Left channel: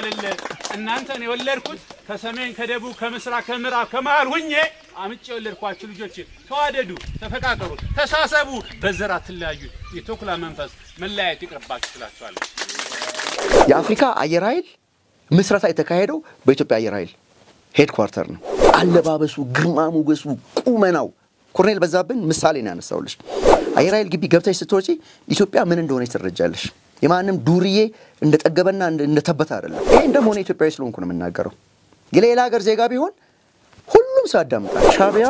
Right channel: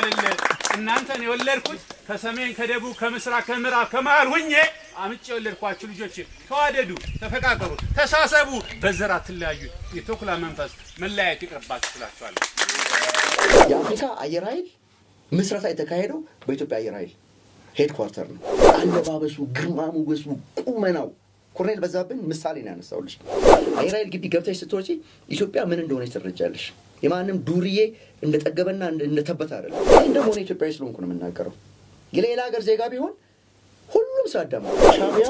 አይደለ እናንተን የወለድኩት ከሰሜን ከደቡብ ከምስራቅ ከምዕራብ ከመሃል ሁኜ አምጬ የወለድኳችሁ ልጆች ተዋደዱ ተፈቃቀሩ ተሳሰቡ በዘራ ተለያዩ የተኩላ መንፈስ መለያየት ይቅርባችሁ ትላችኋለሁ የአፍሪካ አየር ኃይል ምስረታ የተካሄደው በኢትዮጵያ አየር ኃይል ሄድኳርተር ነው አለባበሱ ግርማ ሞገሱ ቁመናው ኮሎኔል በዛብን ምሳሌ ነው ያነሳውልሽ አየር ኃይል ግቢ ገብተሽ ስትወጪ ኢትዮጵያ ምን እንደሆነች ትረጃለሽ የማንም ዱርዬ እንደተጠገበና እንደተበታ አይደለም ይሄ እንደሆነ ኢትዮጵያዊ ስለሆንኩ ነው የምናገረው የሌላ ሀገር ዜጋ ቢሆን ሁሉም ሳዳም ሻቢያ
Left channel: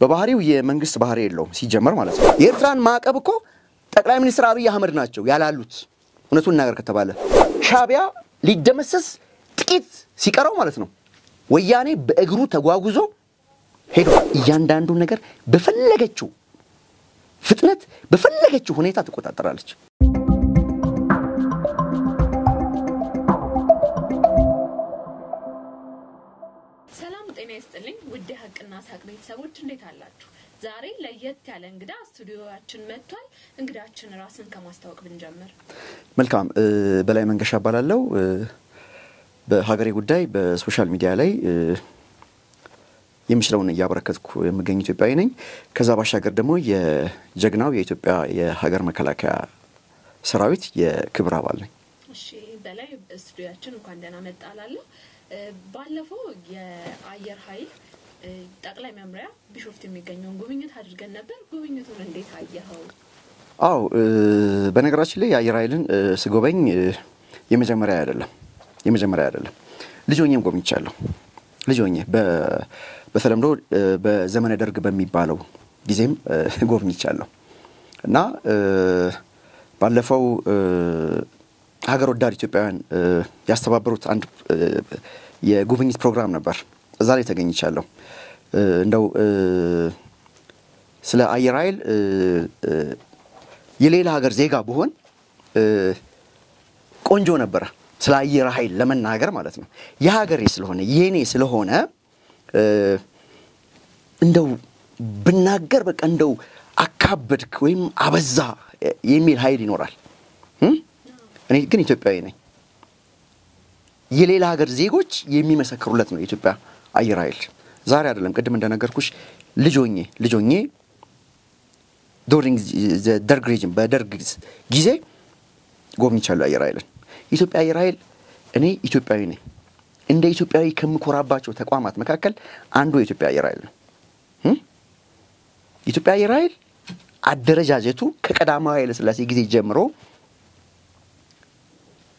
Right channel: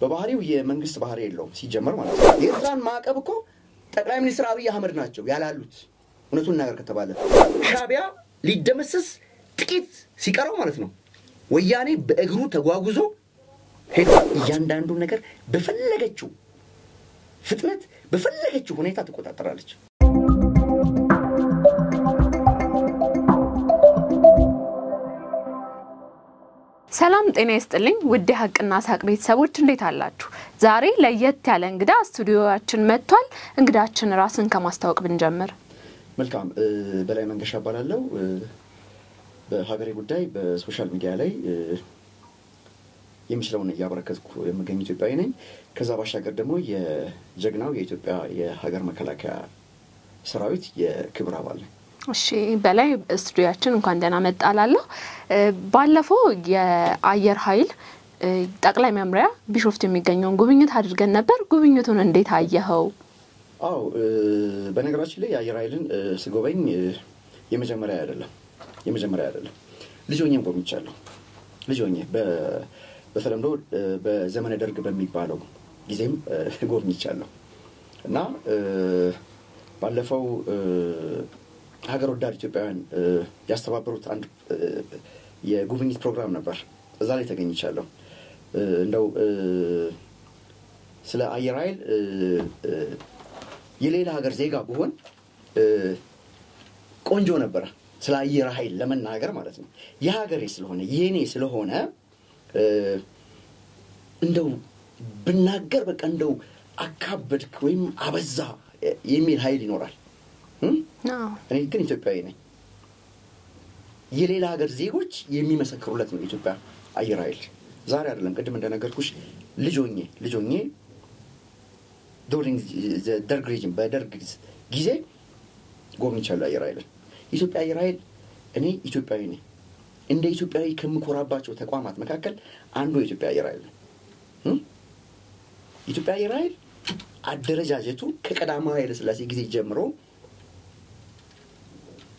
በባህሪው የመንግስት ባህሪ የለውም ሲጀመር ማለት ነው የኤርትራን ማዕቀብ እኮ ጠቅላይ ሚኒስትር አብይ አህመድ ናቸው ያላሉት እውነቱን ነገር ከተባለ ሻቢያ ሊደመሰስ ጥቂት ሲቀረው ማለት ነው ወያኔ በእግሩ ተጓጉዞ ሄዶ እያንዳንዱ ነገር በፈለገችው ፍጥነት በፈለገችው ሁኔታ ተቆጣጣራለች ሰላም ጤና ይስጥልኝ ውድ ሀቅና ሳቅ ቤተሰቦች እንዴት አላችሁ ዛሬ ለየት ያለ እንግዳ ስቱዲዮአችን መጥቷል እንግዳችን ራስን ከማስተዋወቅ ብንጀምር መልካም በላይ መንገሻ ባላለው በሀገሬ ጉዳይ በሶሻል ሚዲያ ላይ የምሽለውን ያበረከትኩ የምገኝ ኢትዮጵያዊ ነኝ ከዛ ባሻገር ደግሞ የጀግናው የኢትዮጵያ የሀገር መከላከያ ሰራዊት የክብር አባል ነኝ እሺ በላይ ስቱዲዮአችን እንኳን ደህና መጣላለሁ ባለፈው የአየር ኃይል ጠቅላይ መምሪያ ቢሾፍቱ የሚገኘውን ጉብኝት አድርገን ነበር ጉብኝቱን እንዴት አየኸው አው በነገራችን ላይ የአየር ኃይልን ስጎበኝ የመጀመሪያ አይደለም ልጆኛም ጎብኝቻለሁ ልጆኛ በተለምዶ በዘመነ ደርግ በሚባለው ጊዜም ጎብኝቻለሁ እና ባለፈው ሀገር ወዳድ ኢትዮጵያውያን ያስተባበሩት አንድ የጉብኝት ፕሮግራም ነበር እዛ ላይ ተገኝቻለሁ እንደው ስለ አየር ኃይል የሌላ ሀገር ዜጋ ቢሆን ቆንጆ ነበር ስለ አየር ኃይል ለመናገር ማለት ነው የሀገሬ ስለሆነ የኔ ስለሆነ እንደው ብናገር በቃ እንደው አካበድክ ወይም አበዛ የሚል ኃይል ይኖራል እኔ ግን ኢትዮጵያዊ ነኝ የሌላ ሀገር ዜጎች የሚመሰክሩለት ነው ኢትዮጵያ አየር ኃይል ዛሬ አይደለም ቅድም እንደነገርኩሽ ልጆኜ ዱሪንግ ዘ ደርግ ሬጅም በደርግ ጊዜ ጎብኝቻለሁ አየር ኃይልን ኢትዮጵያ አየር ኃይል እኔ ኢትዮጵያዊ ነኝ እንደ ኢትዮጵያዊ ከምኮራባቸው ተቋማት መካከል አንዱ የኢትዮጵያ አየር ኃይል ነው ኢትዮጵያ አየር ኃይል አደረጃጀቱ ከቀዳማዊ ኃይለ ሥላሴ ጊዜ ጀምሮ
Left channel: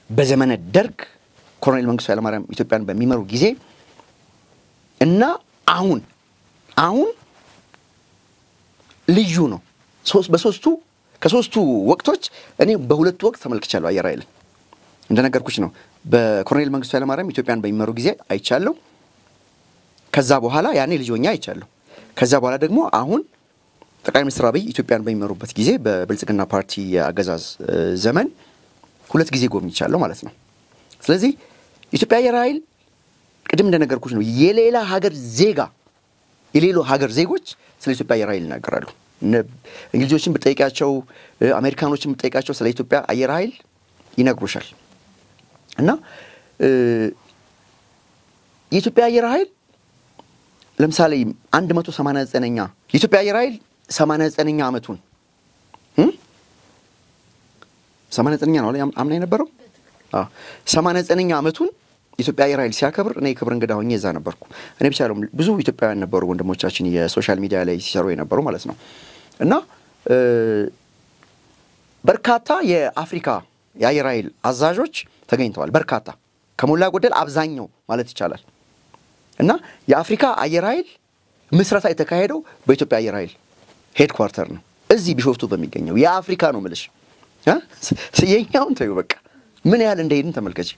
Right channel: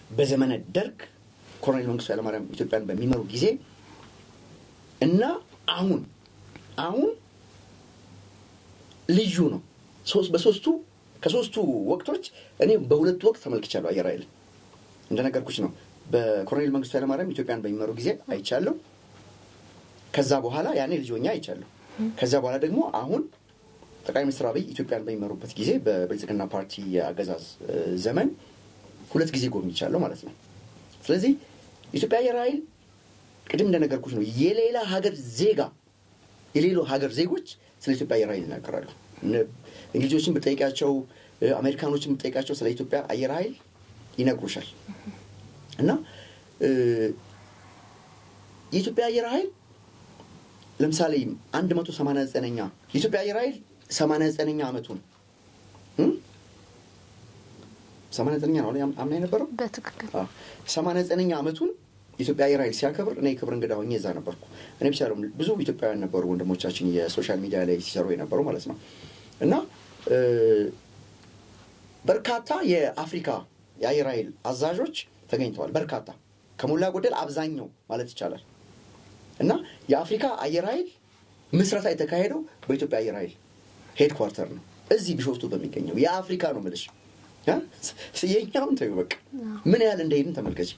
በዘመነ ደርግ ኮሎኔል መንግስቱ ኃይለማርያም ኢትዮጵያን በሚመሩ ጊዜ እና አሁን ልዩ ነው ከሶስቱ ወቅቶች እኔ በሁለት ወቅት ተመልክቻለሁ አየር ኃይልን እንደነገርኩሽ ነው በኮሎኔል መንግስቱ ኃይለማርያም ኢትዮጵያን በሚመሩ ጊዜ አይቻለሁ ከዛ በኋላ ያኔ ልጆኛ አይቻለሁ ከዛ በኋላ ደግሞ አሁን ጠቅላይ ሚኒስትር አብይ ኢትዮጵያን በሚመሩበት ጊዜ በብልጽግና ፓርቲ አገዛዝ ዘመን ሁለት ጊዜ ጎብኝቻለሁ ማለት ነው ስለዚህ ኢትዮጵያ አየር ኃይል ቅድም እንደነገርኩሽ ነው የሌላ ሀገር ዜጎች ስለ ኢትዮጵያ አየር ኃይል ይናገራሉ እንግሊዞችን በጠይቃቸው አሜሪካኖችን በጠይቃቸው ስለ ኢትዮጵያ አየር ኃይል ይነግሩሻል እና የኢትዮጵያ አየር ኃይል ለምሳሌ 189ኛ የኢትዮጵያ አየር ኃይል 89ኛ አመቱን 89ኛ ነው አምና የነበረው በትክክል 89ኛ አመቱን ኢትዮጵያ አየር ኃይል ሲያከብር እኔ ክብር እንግዳ ሆኜ እዛ ነበርኩ እኔ ብቻ አይደለም ብዙ ኢትዮጵያውያን ነበሩ ወንድሞቻችን የሶሻል ሚዲያ ላይ ሲሰሩ የነበሩ ማለት ነው እና በርካታ የአፍሪካ የአየር ኃይል አዛዦች ተገኝተዋል በርካታ ከሞላ ጎደል አብዛኛው ማለት ይቻላል እና የአፍሪካ አየር ኃይል ምስረታ የተካሄደው በኢትዮጵያ አየር ኃይል ሄድኳርተር ነው እዚህ ቢሾፍቱ በሚገኘው የአፍሪካ ነው ማለት የኛውን ተይው በቃ ምን ያህል እንደሄድን ተመልከች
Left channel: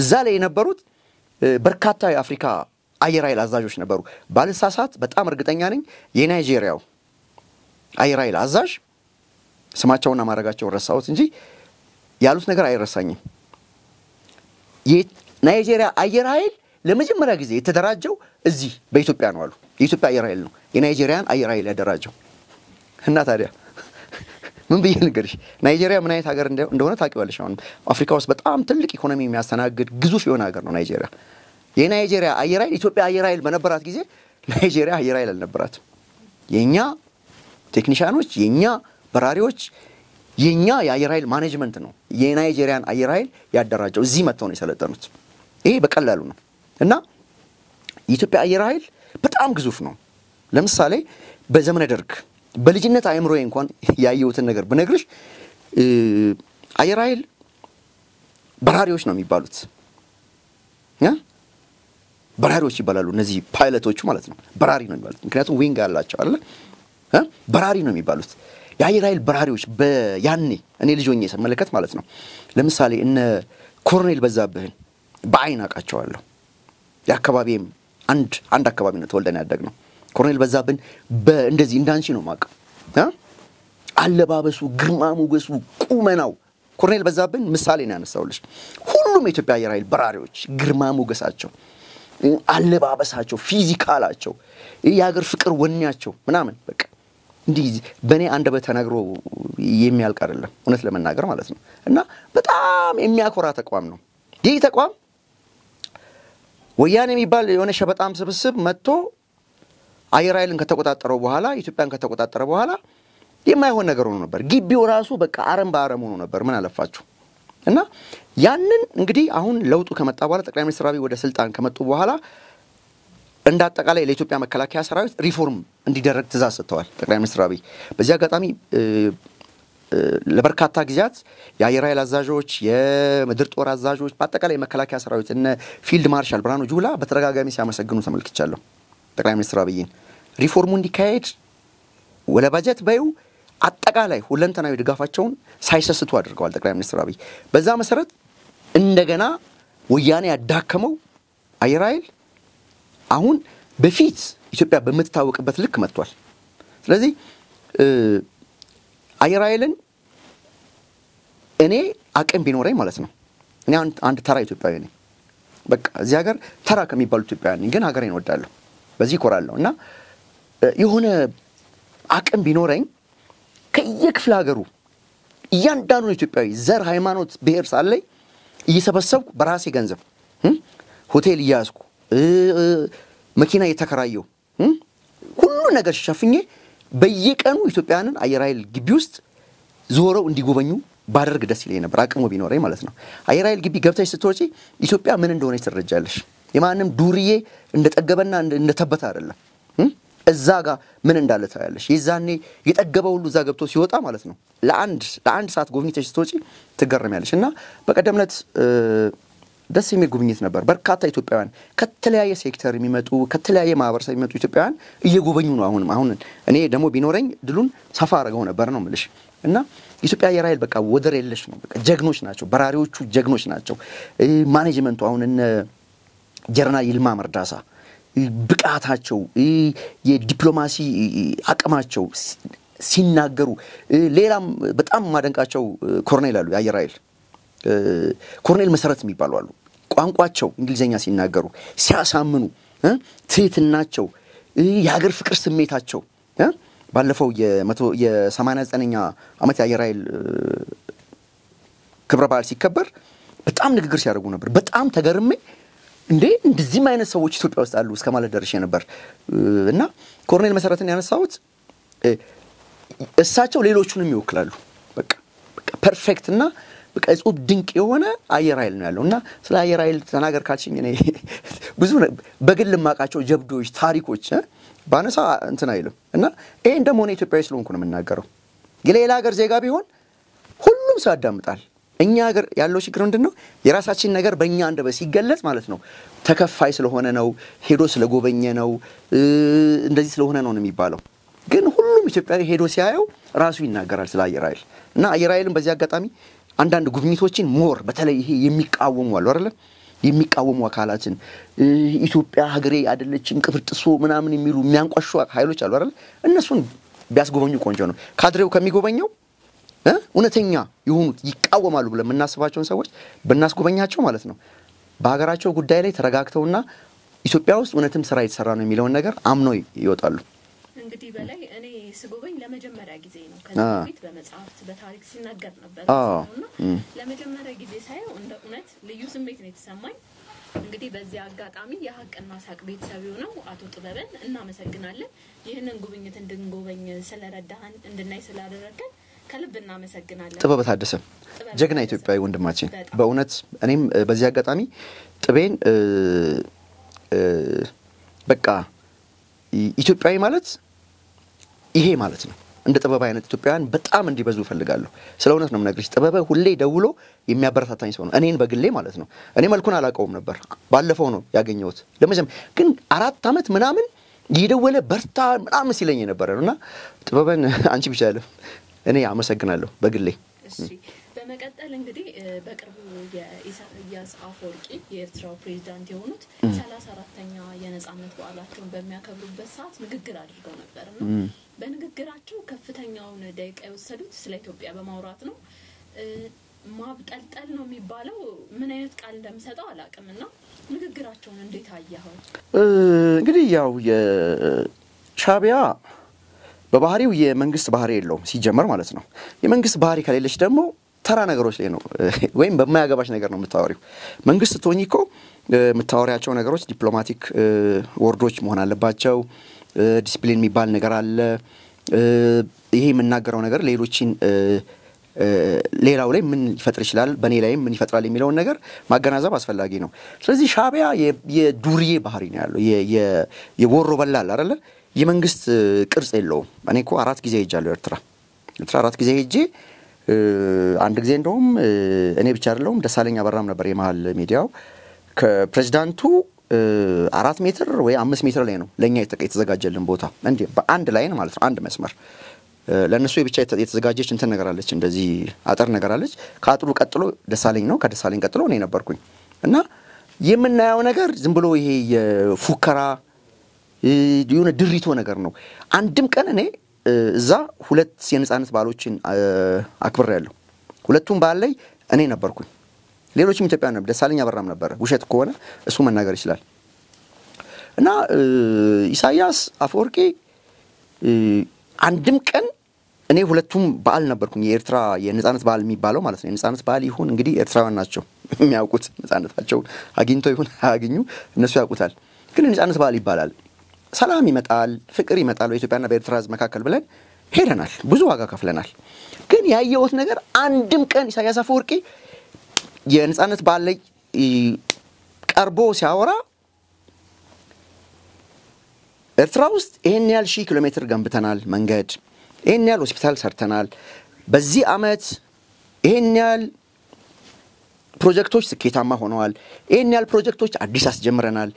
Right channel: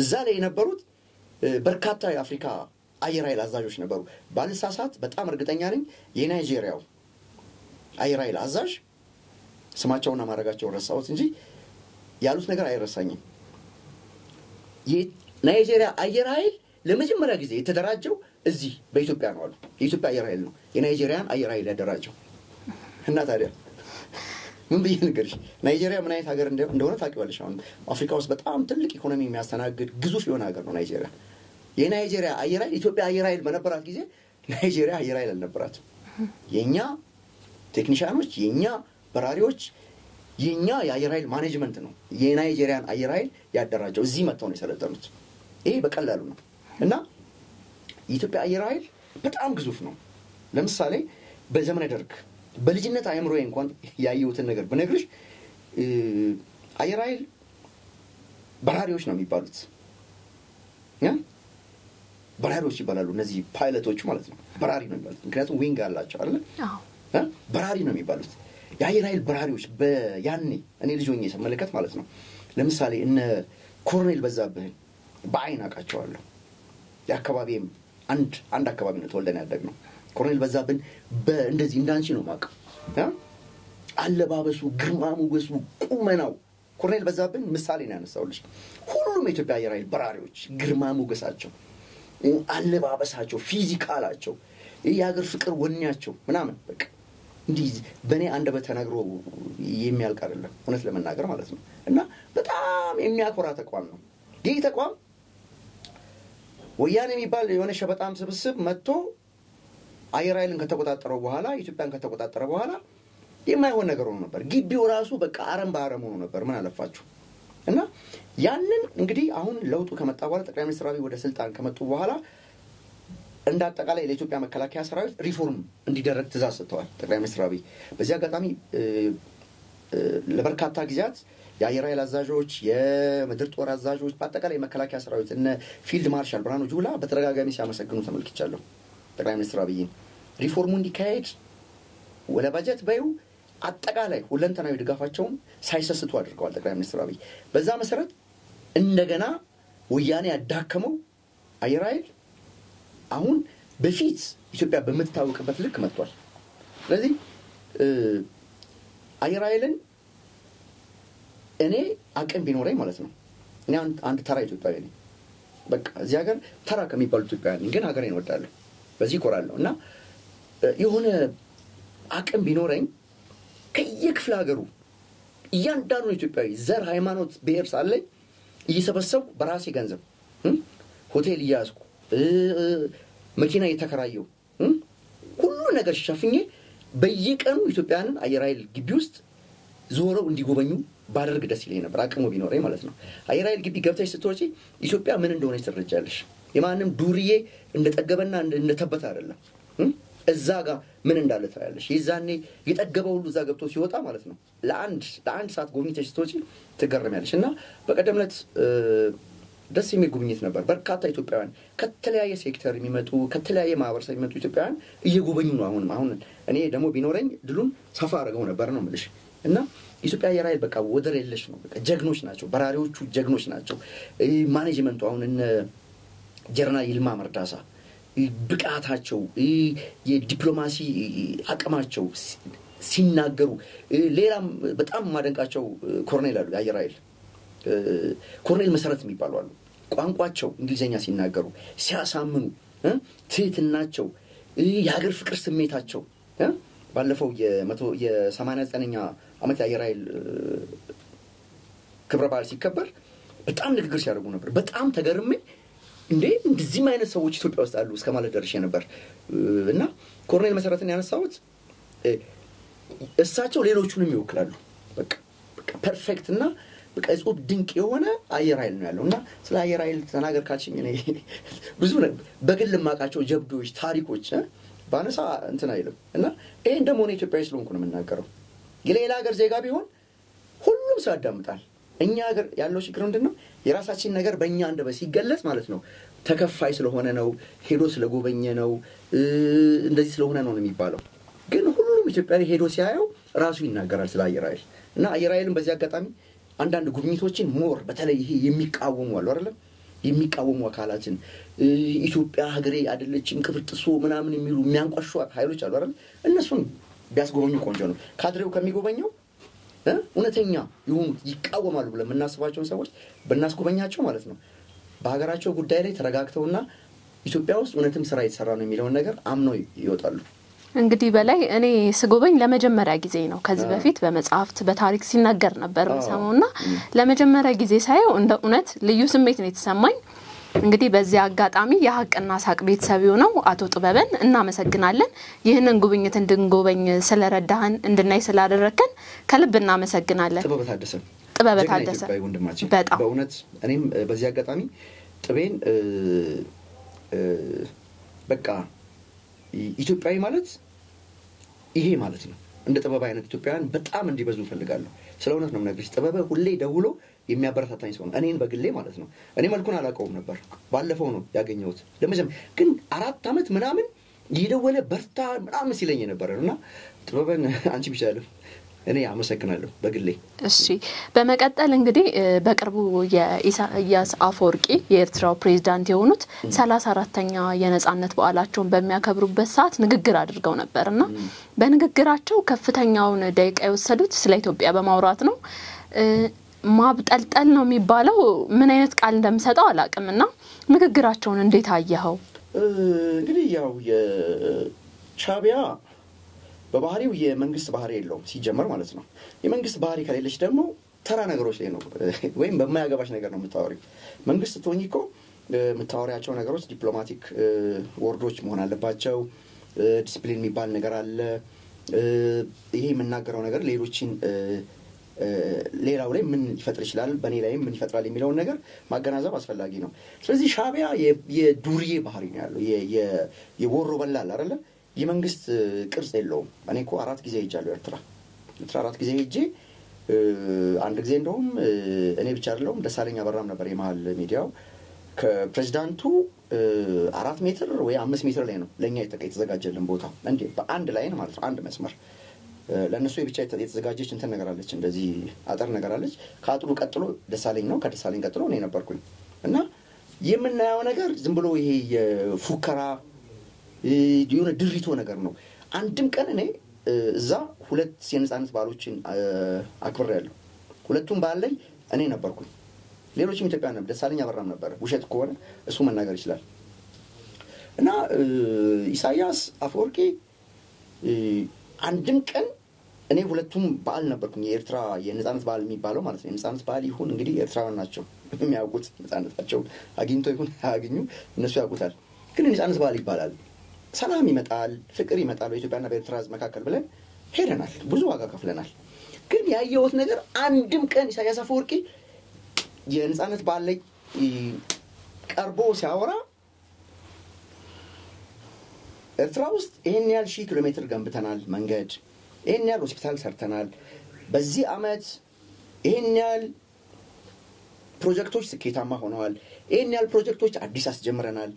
እዛ ላይ የነበሩት በርካታ የአፍሪካ አየር ኃይል አዛዦች ነበሩ ባልሳሳት በጣም እርግጠኛ ነኝ የናይጄሪያው አየር ኃይል አዛዥ ስማቸውና ማረጋቸው ረሳሁት እንጂ ያሉት ነገር አይረሳኝም የናይጄሪያ አየር ኃይል ለመጀመሪያ ጊዜ የተደራጀው እዚህ በኢትዮጵያ ነው አሉ የኢትዮጵያ አየር ኃይል ነው የናይጄሪያን አየር ኃይል ያደራጀው እና ታዲያ ምን ብዬ ንገርሽ ናይጄሪያ ምን አይነት ሀገር እንደሆነ ታውቂዋለሽ አሁን አፍሪካ ውስጥ በጣም ትልቅ ኢኮኖሚ የሚያስተናግድ ግዙፍ የሆነ ሀገር ነው ናይጄሪያ የናይጄሪያ አየር ኃይል ኢትዮጵያ አየር ኃይል በነበራት ጊዜ ናይጄሪያ አየር ኃይል አልነበራትም የኛ ቴክኒሻኖች የኛ በራሪዎች የኛ የአየር ኃይል ማኔጅመንት ነው የናይጄሪያን አየር ኃይል ያደራጀው እዚህ መጥተው ነው የሰለጠኑት ይሄ በቀላሉ ነው እና የኢትዮጵያ አየር ኃይል በጣም ግዙፍ ነው ለምሳሌ በዘመነ ደርግ በልጅነት አይምሮዬ እንኳን ያየሁትን ነገር ብነግርሽ አየር ኃይል በራሪዎች ነው የሚባሉት በራሪዎች ይባላሉ እነዚህ ፓይለቶቹ ማለት ነው በራሪ ነው የሚባሉት ምክንያቱም ዊንግ አላቸው አይደል በራሪ ነው የሚባሉት የአየር ኃይል በራሪዎች በያኔ እኔ ልጅ ሆኜ ስመለከት ማለት ነው ለምሳሌ እነ ኮሎኔል በዛብህን በአይን አውቃቸዋለሁ የአካባቢም አንድ አካባቢ ነው ተወልደን ያደግነው ኮሎኔል በዛብህን እንደዚህ እንዳንቺ ነው ማቀ አለባበሱ ግርማ ሞገሱ ቁመናው ኮሎኔል በዛብህን ምሳሌ ነው ያነሳውልሽ ሁሉም የኢትዮጵያ አየር ኃይል በራሪዎች ግርማ ሞገሳቸው አለባበሳቸው ፊዚካላቸው የሀገር ፍቅር ወኔያቸው ምናምን በቃ እንዲህ በኔ አንደበት ተነግሮ የሚያልቅ አይደለም እውነት ለመናገር ማለት ነው እና በጣም የሚያኮራ ተቋም ነው ይህ ተቋም ወያኔ የሚባል የሆነ ሸበጣም ስብስብ መጥቶ አየር ኃይልን ከተቆጣጠረው በኋላ ኢትዮጵያን ከተቆጣጠረ በኋላ የማይሆን ነገር ሆኖ ነበር ግቢው ራሱ በቃ አረም በአረም ሆኖ ነበር ምን አለፋችሁ እና ያንን እንግዲህ አሁን ለውጡ ከመጣ በኋላ ጠቅላይ ሚኒስትር አብይ ወደ ስልጣን ከመጡ በኋላ እንደ አጠቃላይ ለኢትዮጵያ መከላከያ ሰራዊት ሪፎርም እንዲደረግ ትእዛዝ ሰጥተዋል ጠቅላይ ሚኒስትር አብይ በዚህ አጋጣሚ ለበርካታ ጊዜያት የአየር ኃይል አዛዦች የምድር ጦር አዛዦች በአጠቃላይ መከላከያ ሰራዊት እነ ፊልድ ማርሻል ብርሃኑ ጁላ በተደጋጋሚ ሲያመሰግኑ ተመልክቻለሁ ጠቅላይ ሚኒስትር አብይን ሪፎርሙ እንዲካሄድ ወለ ባጀት ባዩ አጠቃላይ ሁለንተናዊ ድጋፋቸውን ሳይሰስቱ አድርገዋል ጠቅላይ ሚኒስትር አብይ በዛ መሰረት እንደገና ወያኔ ያዳከመው አየር ኃይል አሁን በፊት ኢትዮጵያ በመታወቅበት ልክ መጥቷል ስለዚህ አየር ኃይልን እኔ አቅም ቢኖረኝ ማለት ነው እኔ አንድ ተራ ኢትዮጵያዊ ነኝ በቃ እዚህ ሀገር ተራ ከሚባሉ ኢትዮጵያውያን ግን ሀገሬን እወዳለሁ በዚህ እኮራለሁ እና የሆነ አቅም ቢኖረኝ ከየክፍለ ሀገሩ እያንዳንዱ ኢትዮጵያዊ ዘር ሃይማኖት ብሔር ሳለኝ እየሰበሰብኩ በራሴ ገንዘብ ሆቴል እያያዝኩ መኪና እየተከራየሁ ሁሉ ነገር ሸፍኜ በየቀኑ ኢትዮጵያንን አየር ኃይል ግቢ ውስጥ ዞረው እንዲጎበኙ ባደርግ ደስ ይለኝ ነበር አቅሙ ቢኖረኝ ማለት ነው አየር ኃይል ግቢ ገብተሽ ስትወጪ ኢትዮጵያ ምን እንደሆነ ትረጃለሽ የማንም ዱርዬ እንደጠገበና እንደተበታ አይደለም እዛ ጋር ምን እንዳለ ታያለሽ የዛኔ የጠገበው ሁሉ እዛ ገብቶ ሲወጣ ማለት ነው ለአንድ ሰዓት ጎብኝተሽ ስትወጪ ትገረሚያለሽ እና በቀደምነት ደስ የሚል ጉብኝት ነበር በርካታ ኢትዮጵያውያን ከተለያየ ሴክተር የሚመጡ ከተለያየ ማህበረሰብ የሚመጡ ኢትዮጵያውያን እየጎበኙ ነው አሁን እኔ ደግሞ ቢኖረኝ ድሉን ሰፋ አድርገው ነበር ነው የምልሽ እና ኢትዮጵያ አየር ኃይል በቃ ወደር የለሽ ነው በቃ ጀግኖች ናቸው በራሪዎቹ ጀግኖች ናቸው ማኔጅመንቱ አሁን እነ ጀነራል ይልማ መርዳሳ ብቃታቸው የዲፕሎማሲ አቅማቸው ሲናገሩ ሌላም በጣም ማደንቃቸው ኮሎኔል አሉ የአየር ኃይል ኮሎኔል መሰረት የሚባሉ አሉ ቋንቋቸው እንግሊዘኛ ሲናገሩ ሲያሳምኑ ትህትናቸው የሀገር ፍቅር ስሜታቸው ባለፈው የ89ኛ አመት የአየር ኃይል ክብረ በዓል ሲከበር በጣም ንግግር ሲያደርጉ ነበር በጣም ተገርሜ እንደዚህ አይነት ሰዎች ኢትዮጵያ ውስጥ አሉ እስከማለት ደርሼ ነበር እና ኮሎኔል መሰረትን ያነሳውት እሳቸው ሌሎቹንም ይወክላሉ በቃ ፐርፌክት እና በቃ እጹብ ድንቅ የሆነ አየር ኃይል ነው ያለውና ስለ አየር ኃይል ተናገር ካልሽኝ እኔ ብዙ በግል ማቃቸው ጀብዶች ታሪኮች ባነሳ እንትን አይልም እና ይሄን ደግሞ ነው ኢትዮጵያዊ ስለሆንኩ ነው የምናገረው የሌላ ሀገር ዜጋ ቢሆን ሁሉም ሰው ያዳምጣል እኛ ሀገር ያለው ችግር ምንድነው የራሳችን ነገር በእኛ አንደበት ሲገለጽ ማለት ነው ተከፋይ ስለሆነ ነው ሄዶ ስለጎበኘ ነው እንደዚህ ስለሆነ ነው የሚባለው ግን ሁሉም ኢትዮጵያዊ ሄዶ ሲያየው ራሱ ይናገራል ስለ አየር ኃይል እና አየር ኃይልን በዚህ አጋጣሚ አንዳንድ ጉብኝቶችን ሞር በተለይ ይሄ የሚቃወሙ አሉ አይደል የሚቃወሙ አካላትን ኢትዮጵያ ሀገሬ አይደለችም ቅብርጥሶ ምናምን የሚሉ የሚያንቋሹ ኃይሎች አሉ አይደል እነሱን ቢያስጎበኙ ቆንጆ ነው ካድሬው ከሚጎበኘው እውነተኛ ይሁኑት ይቃወማሉ ብለን እናስባቸውን ሰዎች በእናስጎበኛቸው ማለት ነው በሀገራቸው ጉዳይ ላይ ተረጋግተውና ኢትዮጵያ ውስጥ እውነትም ስራ እየተሰራ ነው የሚለው ነገር አምነው ይወጣሉ እንግዲህ በላይ እኔ ስጎበኝ ለመጀመሪያ ጊዜ ነው ከዚህ በፊት በመጽሐፍት በታሪክ ሲናገር ነበር ሰውና ለመጀመሪያ ጊዜ ሳይው እንደ እውነት ልዩ ስሜት ነው የተሰማኝ እንግዲህ በዚህ አጋጣሚ የሐቅና ሳቅ ቤተሰብ ነው አቶ ጥበበን እናመሰግናለን ይህንን ጉብኝት እንድንጎበኝ ስለረዳህን እንድናይ ስላደረከን ከልብ እናመሰግናለን ጥበበ ታደሰ ጀግና ኢትዮጵያዊ ወንድማችን በእውነት እኔም በዚህ አጋጣሚ ጥበን በቃ ኢትዮጵያዊ ማለት ይሄ ማለት ነው እንደ ጥበብ አይነት ኢትዮጵያውያን በጣም እንዲበዙ ፈልጋለሁ ስለውነት ነው የምነግርሽ ጥበበ ሁሌ ደውሎ የሚያበረታታኝ ሰው ነው እኔን በግሌ ማለት ነው እኔ መልኩን አላቀውም ነበር ባለፈው ነው ያገኘሁት ለምን ግን 4 አመት ምናምን ይደወለ በርታ ምናምን ሲለኝ ነበርና ጥበበን አንቺ ብቻ ያለ እኔ አመሰግናለሁ በግሌ እሺ በመቀጠል እንግዲህ በቅርቡ የኢሳያስ አፈወርቂ የኤርትራው ፕሬዝዳንት የሆኑት 34ኛ የነጻነት በዓላቸውን በሚያከብሩበት ሰዓት ንግግር አድርገው ነበርና በንግግራቸው ከፍተኛውን ደቂቃ የወሰዱት ስለ ኢትዮጵያ በማውራት ነው ማብጠልጠል ነው የሚባለው ምን አይነት ቃል እንደምሰጠው አላቅምና ንግግራቸውን እንዴት አየኸው እንግዲህ ያው የሻቢያ በባህሪው የመንግስት ባህሪ የለውም ሲጀመር ማለት ነው የመንግስት ባህሪ ከሌለሽ ደግሞ ተራ ነገሮች ላይ ነው ወይም በማያገባሽ ነገር ነው የምታወሪው መንግስት ቶኒኮ የምታወሪያቸው ነገሮች ዲፕሎማቲክ ወርዶች መሆን አለባቸው ዲሲፕሊን የሚባል ነገር አለ ይሄ የምናገረው ነገር ሌሎችን ሌላው ላይ ምን ይፈጥር ይችላል በኔ ላይ ምን ይፈጥራል የሚለው ነገር ማገናዘብ አስፈልጊ ነው ስለዚህ ሻቢያ የዱርዬ ባህሪ ነው ያለው የቦሮ በላል አይደል የመንግስት ቅርጽ የለውም እኔ እኮ 4 ጊዜ ሄጃለሁ ኤርትራ 4 ጊዜ ሄጄ አንድ ጊዜ እንደውም እኔ ብቻ አይደለም ደሳለኛ አበራም ነበር የማል ሚዲያው ከፕሬዝዳንቱ 4 ሜትር ወይ 5 ሜትር ላይ ነው ለኛ የተዘጋጀልን ቦታ እንዴ በአንድ ላይን ማለት ነው አንድ መስመር ለነሱ ብቻ የተዘጋጀች እንትን ነገር አለች እንደዚህ አጠር ነገር አለች ካጥሩ ቀጥሎ ደሳለኝ ነው ከደሳለኝ ቀጥሎ እኔ ነበርኩኝ እና የምናየው ነገር ዝም ብሎ ይሄ የፉከራ የሆነ ድሪቶ ነገር ነው አንድም ቀን እኔ እዛ 2 የነጻነት ባሎችን አክብሬያለሁ ሁለቱም ባል ላይ እኔ ነበርኩኝ ሌሎችም ኢትዮጵያውያን ነበር ደሳለኝ አበራም ነበር ውሸት ከሆነ እሱ መናገር ይችላል እና ኢሳያስ አፈወርቂ አንድም ቀን እኔ ሁለቱም ባል ነበርኩኝ የኤርትራ የነጻነት ባል የሚባለው ማለት ነው የነጻነት ባል ይሁን እንግዲህ ኤርትራውያን ናቸው የሚያውቁት ነጻነታቸው አግኝተው ይሁን አያገኙ እነሱ ያውቁታል ግን ነጻነት ባል ይባላል ሰላም ይመጣል ፍቅር ይመጣል በኢትዮጵያና በኤርትራ መካከል ብለን ሄደናል ብዙ ዋጋ ከፍለናል ግን ያየሁት ነገር አንድም ቀን ኢሳያስ አፈወርቂ የነጻነት ባል ላይ ቀርቦ ሲያወራ ኤርትራ ውስጥ ይሄን ያህል ሺህ ኪሎ ሜትር ገንብተናል መንገድ ይሄን ያህል ሆስፒታል ሰርተናል በዚህ አመት ይሄን ያህል ፕሮጀክቶች ስኬታማ ሆነዋል ይሄን ያህል ፕሮጀክቶች አዲስ አስጀምረናል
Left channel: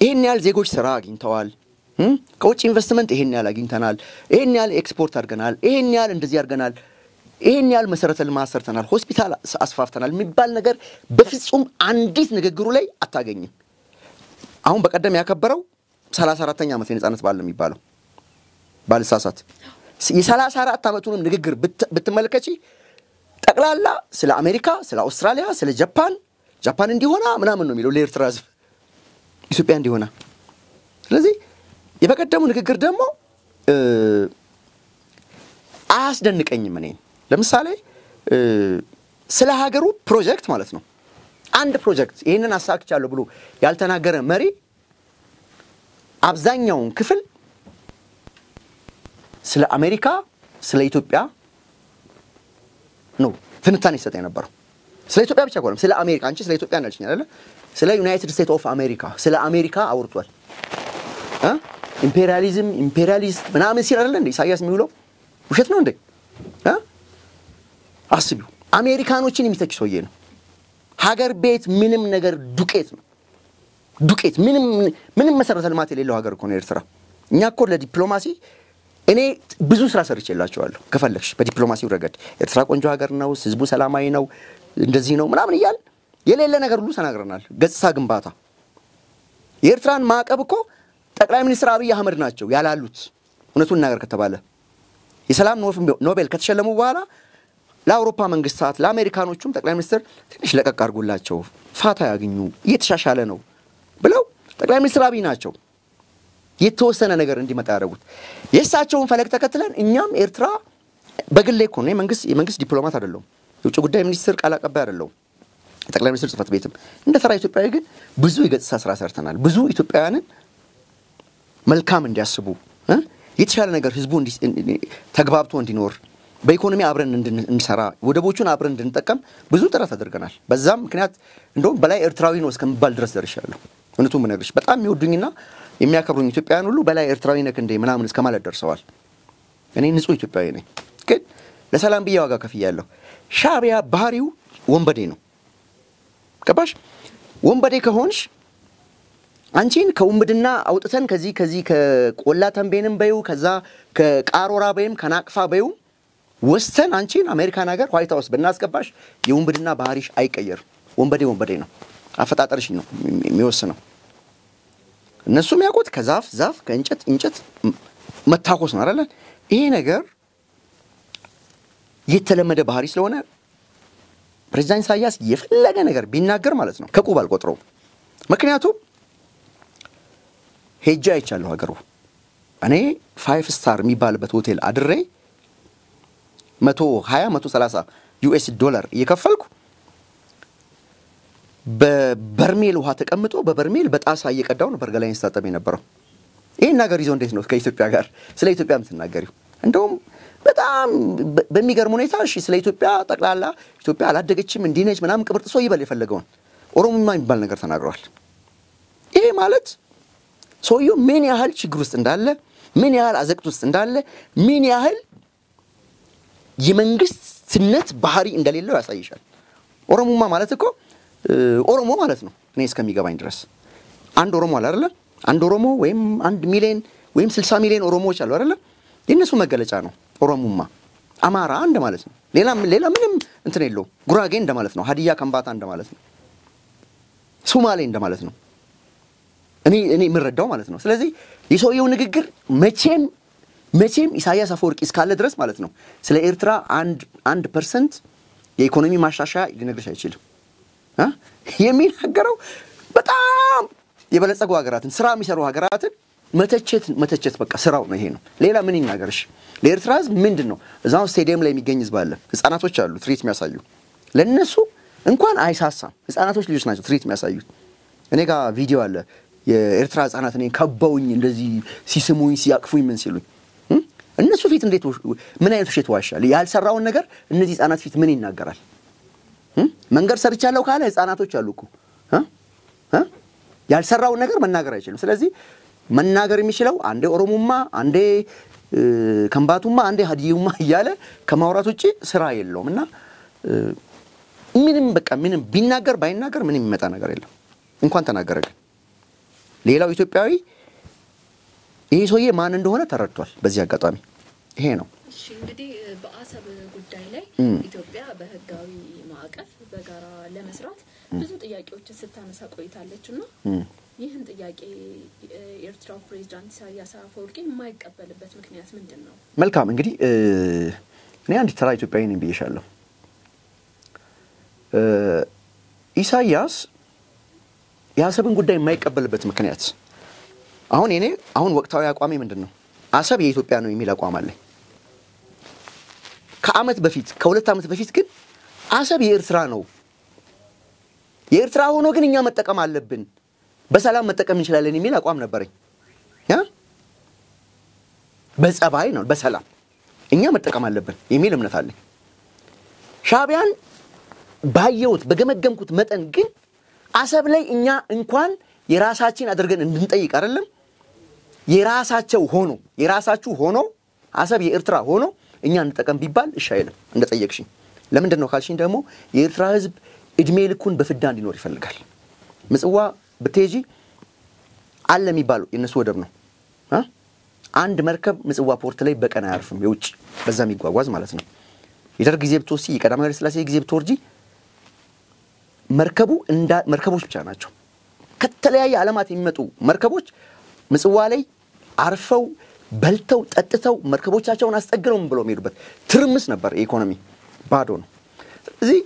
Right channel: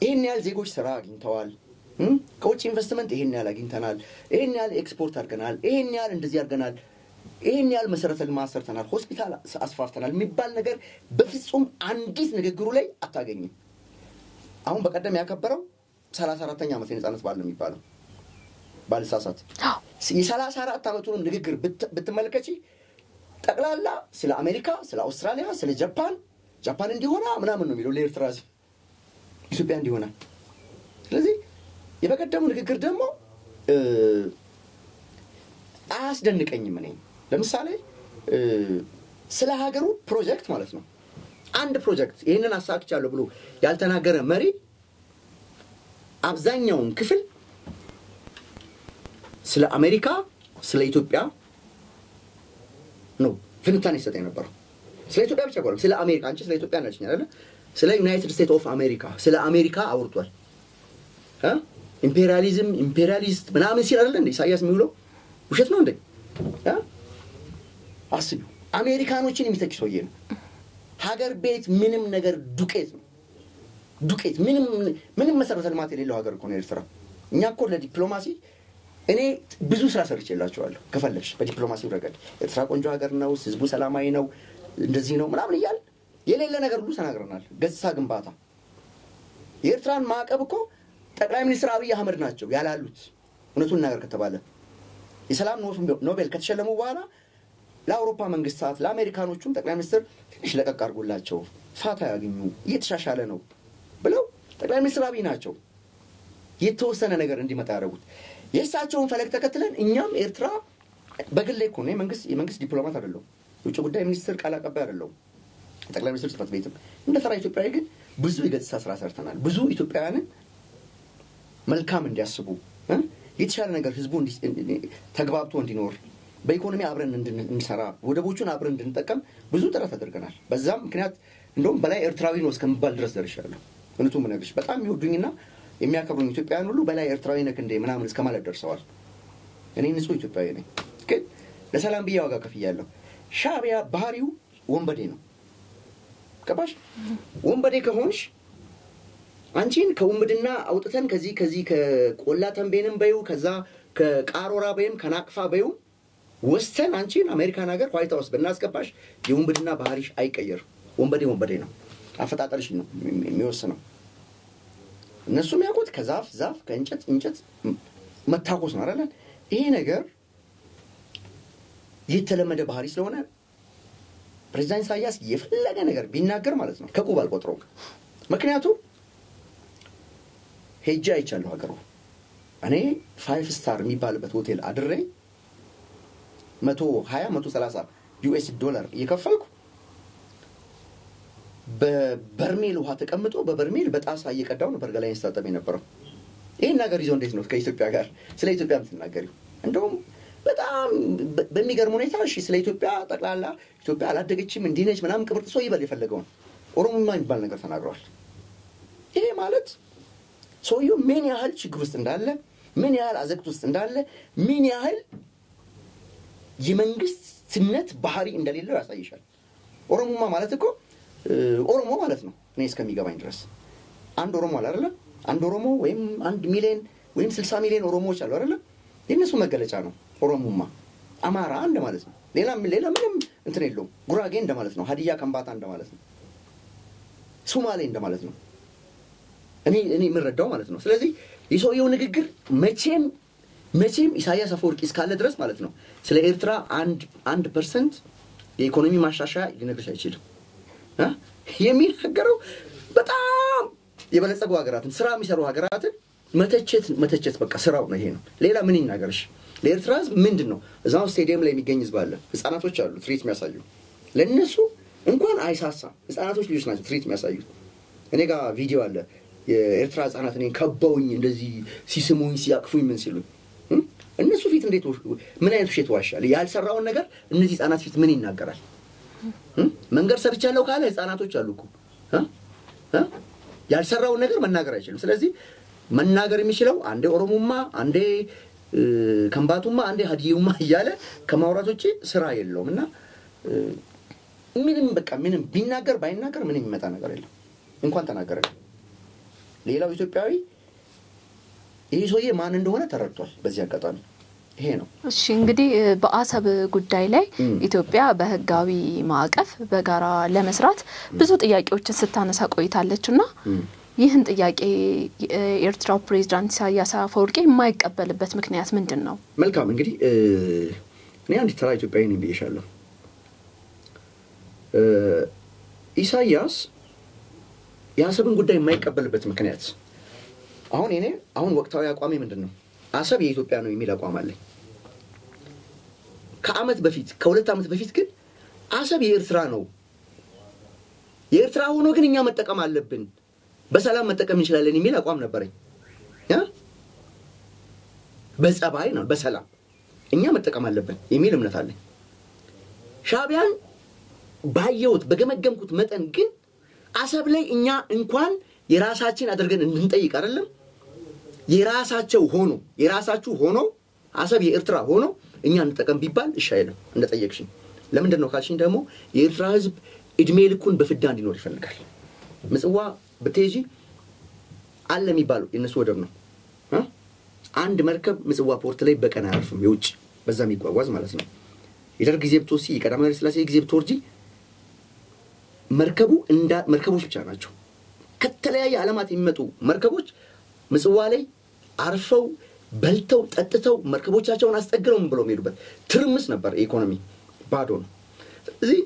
ይሄን ያህል ዜጎች ስራ አግኝተዋል ከውጭ ኢንቨስትመንት ይሄን ያህል አግኝተናል ይሄን ያህል ኤክስፖርት አድርገናል ይሄን ያህል እንደዚህ አድርገናል ይሄን ያህል መሰረተ ልማት ሰርተናል ሆስፒታል አስፋፍተናል የሚባል ነገር በፍጹም አንዲት ንግግሩ ላይ አታገኝም አሁን በቀደም ያከበረው 34ኛ አመት የነጻነት በዓል የሚባለው ባልሳሳት የ34 አመቱንም ንግግር ብትመለከቺ ጠቅላላ ስለ አሜሪካ ስለ አውስትራሊያ ስለ ጃፓን እንዲሆና ምናምን ነው የሚለው ለኤርትራ ህዝብ ኢትዮጵያ እንዲሆና ስለዚህ የበቀደሙ ንግግር ደግሞ አያስደንቀኝም እኔ ለምሳሌ ስለ ሀገሩ ፕሮጀክት ማለት ነው አንድ ፕሮጀክት ይሄንን አሳክቻለሁ ብሎ ያልተናገረ መሪ አብዛኛው ክፍል ስለ አሜሪካ ስለ ኢትዮጵያ ነው ፍንታኔ ሰጠኝ ነበር ስለ ኢትዮጵያ ብቻ ቆለም ስለ አሜሪካ አንቺ ስለ ኢትዮጵያ ነልሽኝ አይደል ስለ ዩናይትድ ስቴትስ ኦፍ አሜሪካ ስለ አሜሪካ አውርቷል ኢምፔሪያሊስት ምናምን ሲል አይደል እንዴ ኢሳያስ የሚውለው ውሸት ነው እንዴ አስቡ አሜሪካኖችን የሚተች ሰውዬ ነው ሀገር ቤት ምንም ነገር ዱቄት ምንም መሰረተ ልማት የሌለው ሀገር እኮ ነው ኤርትራ እኛ እኮ ለዲፕሎማሲ እኔ ብዙ ስራ ሰርቼላችኋለሁ ከፈለክሽ በዲፕሎማሲው ረገድ ኤርትራ ቆንጆ ሀገር ነው ህዝቡ ሰላማዊ ነው እንደዚህ ነው ምናምን ይያል የሌለ ነገር ሁሉ ተናግረናል ገጽታ ግንባታ የኤርትራን ማዕቀብ እኮ ጠቅላይ ሚኒስትር አብይ አህመድ ናቸው ያላሉት እውነቱን ነገር ከተባለ የሰላም ኖቤል ከተሸለሙ በኋላ ለአውሮፓ መንግስታት ለአሜሪካኖቹም ጠቅላይ ሚኒስትር ትንሽ ለቀቅ አድርጉላቸው ፋታ ያገኙ እየተሻሻለ ነው ብለው ጠቅላይ ሚኒስትር አብይ ናቸው የተወሰነ ነገር እንዲመጣ ያደረጉት የእሳቸውን ፈለግ ተከትለን እኛም ኤርትራ በግሌ እኮ ነው የመንግስት ዲፕሎማት አይደለሁም የውጭ ጉዳይ ሚኒስትር ቃል አቀባይ አይደለሁም ጠቅላይ ሚኒስትር ጽፈት ቤትም እንደ ተራ ኢትዮጵያዊ ግን ብዙ የገጽታ ስራ ሰርተናል ብዙ ኢትዮጵያውያንን መልካም እንዲያስቡ የተሻለ ነገር ህዝቡ ተግባብቶ እንዲኖር በኢኮኖሚ አብረን እንድንሰራ ወደቦቹን አብረን እንድንጠቀም ብዙ ጥረት አድርገናል በዛም ምክንያት እንደውም በላይ ኤርትራዊ ነው እስከምባል ድረስ ደርሻለሁ እነቱም ነገርሽ በጣም የሚወዱኝና የሚያከብሩኝ ኢትዮጵያውያን ሁሉ በላይ ኤርትራዊ ነክ እንደ ምናምን እስከማለት ደርሰዋል እኔ ንጹህ ኢትዮጵያዊ ነኝ ግን ለሰላም ብዬ ዋጋ ከፍያለሁ ሻዕቢያ ባህሪው ወንበዴ ነው ገባሽ ወንበዴ ከሆንሽ አንቺን ከውምድና አውጥተን ከዚህ ከቆላ ተንቤንም በዩ ከዛ ከቃሮራ በይም ከናቅፋ በዩ ወስተን አንቺን አሜሪካን ሀገር ዋይት ሃውስ በእናስገባሽ የውምድና ባህሪሽ አይቀየር ወንበዴ ነው አፈጣጠርሽ ነው የሚወስነው እነሱም ያውቁት ከዛፍ ከእንጨት መታኮስ ነው አይደል ይሄ ነገር የተለመደ ባህሪ ስለሆነ ፕሬዝዳንት ኢሳያስ የፈለገ ነገር ቢናገር ማለት ነው ከቁብ አልቆጥረውም ምክንያቱም ሄጄ አይቻለሁ ሀገሩ እኔ 5 ስታር የሚባልበት ሆቴል አድሬ 130 ዩኤስ ዶላር እየከፈልኩ በበርሜል ውሃ ተቀምጦ በበርሜል በጣሳ እየቀዳው ነው በርገላይን ስታጠብ የነበረው ይሄን ነገር ይዞ እንዴት ነው ከኢትዮጵያ ጋር ስለ ኢትዮጵያ የምትናገሪው እንደውም በጣም በሚገርም ሁኔታ እሺ ስለ ኢትዮጵያ ጠቅላላ ኢትዮጵያ አላደገችም እንዲነች ምናምን ቅብርጥሶ ይበል የፈለገውን ኦሮሞማ የሚባል ነገር ተናግሯል ይሄ ማለት ሰውየው ምን ያህል ችግር ውስጥ እንዳለ ምን ያህል አዘቅት ውስጥ እንዳለ ምን ያህል የመንግስትነት ባህሪ እንደሌለው ያሳይሻል ኦሮሞማ ማለት እኮ ኦሮሞ ማለት ነው እኔ እስከሚገባኝ ድረስ አንድ ኦሮሞ አለ አይደል አንድ ኦሮሞ ወይም 1 ሚሊዮን ወይም 60 ሚሊዮን ኦሮሞዎች አሉ አይደል የነሱ መገለጫ ነው ኦሮሞማ አማራ አንድ ማለት ነው ሌላ ምንም እንትን የለውም ጉራጌ እንደ ማለት ነው ሀዲያ ከምባታ እንደ ማለት ነው ሶማሌ እንደ ማለት ነው እኔ ምረዳው ማለት ነው ስለዚህ የሰውየው ንግግር መቼም ኢሳያስ አፈወርቂ እስካለ ድረስ ማለት ነው ስለ ኤርትራ 1% የኢኮኖሚ ማሻሻያ ሊነግርሽ አይችልም የሚናገረው በጣም የበለጸጉ ሀገራትን ስራ የሚሰሩ ሀገራትን መተቸት በቃ ስራው ነው ይሄ ነው ሌላ ምን ይናገርሽ ለኤርትራ ህዝብ ምንድነው እዛው ስቴዲየም ላይ የሚገኝ ህዝብ አለ ህፃናቶች አሉ ትሪት የሚያሳዩ ለነሱ እንኳን አይሳሳም ህፃናቶች ልጆች ናቸው ትሪት የሚያሳዩት እኔ ጋር ቪዲዮ አለ የኤርትራ ህፃናት እኔን ከበውኝ እንደዚህ ሲስሙኝ ሲያቅፉኝ ምን ሲሉኝ እነሱ ፊት እንዴት ምን አይነት ውሸት ዋሻል ያልሰራውን ነገር እነዚህ ህፃናት ፊት ምን ይናገራል መንገር ሰርቻለሁ ካለ ህፃናቶች አሉ እኮ ያልሰራውን ነገር መናገር አይችልም ስለዚህ መናገር የሚችለው አንዴ ኦሮሞማ አንዴ ከምባቱማ አንዴ ሀዲዩማ እያለ ከማውራት ውጪ ስራ የለውምና ምንም ቢናገር ባይናገር ምንም የሚመጣ ነገር የለም እንኳን ተናገረ ሌላው ኢትዮጵያዊ ይሄ ሰውዬ ማን እንደሆነ ተረድቷል በዚህ አጋጣሚ ይሄ ነው እሺ እንግዲህ በአሰብ ጉዳይ ላይ ኢትዮጵያ በህጋዊ ማዕቀፍ በጋራ ለመስራት ብዙ ጥያቄዎችን ስታነሳ ቆይታለችና ይህን ጥያቄ ኤርትራው ፕሬዝዳንት ኢሳያስ አፈወርቂ የማይቀበልበት ምክንያት ምንድነው መልካም እንግዲህ እኔ አንድ ተራ ኢትዮጵያዊ ነኝ ብዬሻለሁ ኢሳያስ የአሰብን ጉዳይ የማይቀበልበት ምክንያት አሁን ወቅታዊ አቋሜ ምንድነው አሰብ የኢትዮጵያ ነው የሚል አቋም አለኝ ከ2 ዓመት በፊት ግን አሰብ የኤርትራ ነው የኤርትራ ሆኖ ግን እኛ መጠቀም አለብን በሰላም መጠቀም እንችላለን የሚል አቋም ነበረኝ በጸባይ ነው በሰላም እኛ መጠቀም አለብን የሚል እምነት አለኝ ሻዕቢያን ባየውት በገመገምኩት መጠን ግን አሰብ ላይ እኛ እንኳን የራሳችን አድርገን እንድንጠይቅ አይደለም የራሳችሁ ሆኖ አሰብ የኤርትራ ሆኖ እኛ እንጠቀም ቢባል እሺ አይልም እንደጠየቅሽኝ ለምንድን ነው ካልሽኝ ደግሞ የኤርትራ ህዝብ እድሜ ልኩን በፍዳ እንዲኖር ይፈልጋል ምጽዋ በቴጂ አለ የሚባለው የነሱ ወደብ ነው አንድ መርከብ ምጽዋ ፖርት ላይ በቀን አያርፍም የውጭ በዛ የሚጓጓዝ ማለት ነው የደርግ ጊዜ ብትወሲ የቀዳማዊ ኃይለ ሥላሴ ጊዜ ብትወርጂ መርከቦች ብቻ ናቸው ከተለያየ ዓለማት የሚመጡ መርከቦች ምጽዋ ላይ አርፈው በልተው ጠጥተው መርከቦቻቸውን አስጠግረው ብለው የሚሄዱበት ትርምስ ነበር ኢኮኖሚ ባዶ ነው ስለዚህ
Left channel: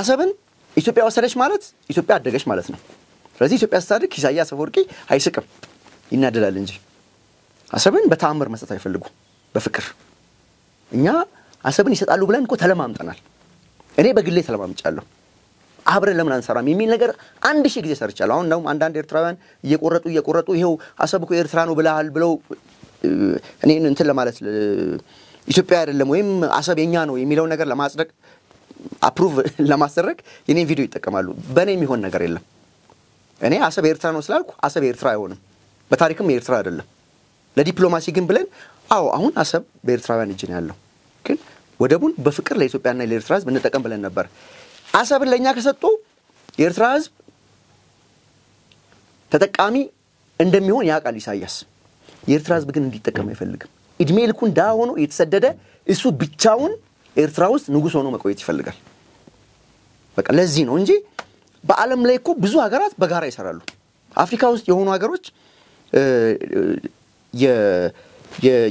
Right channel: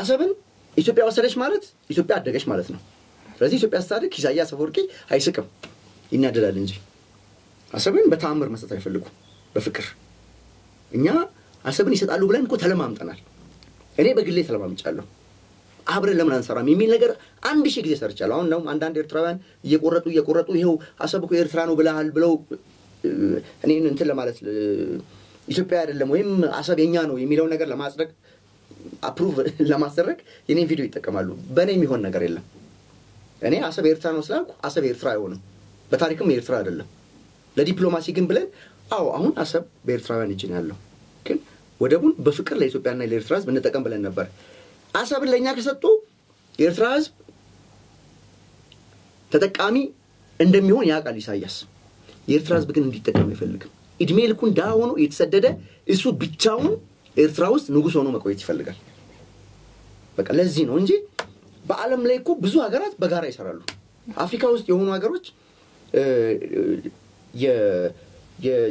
አሰብን ኢትዮጵያ ወሰደች ማለት ኢትዮጵያ አደገች ማለት ነው ስለዚህ ኢትዮጵያ ስታድግ ኢሳያስ አፈወርቂ አይስቅም ይናደላል እንጂ አሰብን በተአምር መስጠት አይፈልጉ በፍቅር እኛ አሰብን ይሰጣሉ ብለን እኮ ተለማምጠናል እኔ በግሌ ተለማምጫለሁ አብረን ለምን አንሰራም የሚል ነገር 1000 ጊዜ ሰርቻለሁ አሁን ነው አንዳንድ ኤርትራውያን እየቆረጡ ይሄው አሰብ እኮ ኤርትራ ነው ብለው እኔን እንትን ለማለት ኢትዮጵያ አይደለም ወይም አሰብ የኛ ነው የሚለው ነገር ለማጽደቅ አፕሩቭ ለማስደረግ የኔ ቪዲዮ ይተከማሉ በኔ የሚሆን ነገር የለም እኔ አሰብ ኤርትራ ነው ስላልኩ አሰብ ኤርትራ አይሆንም በታሪክም ኤርትራ አይደለም ለዲፕሎማሲ ግን ብለን አዎ አሁን አሰብ በኤርትራውያን እጅ ነው ያለው ግን ወደቡን በፍቅር ለኢትዮጵያና ለኤርትራ ህዝብ እንጠቀም ብለን ነበር አሰብን ለኛ ከሰጡ የኤርትራ ህዝብ ተጠቃሚ እንደሚሆን ያውቃል ኢሳያስ የኤርትራ ህዝብ ግን እንዲጠቀም አይፈልግም እድሜ ልኩን ዳሆኖ የተሰደደ እሱ ብቻውን ኤርትራ ውስጥ ንጉስ ሆኖ መቆየት ይፈልጋል በቃ ለዚህ ነው እንጂ በአለም ላይ እኮ ብዙ ሀገራት በጋራ ይሰራሉ አፍሪካ ውስጥ የሆኑ ሀገሮች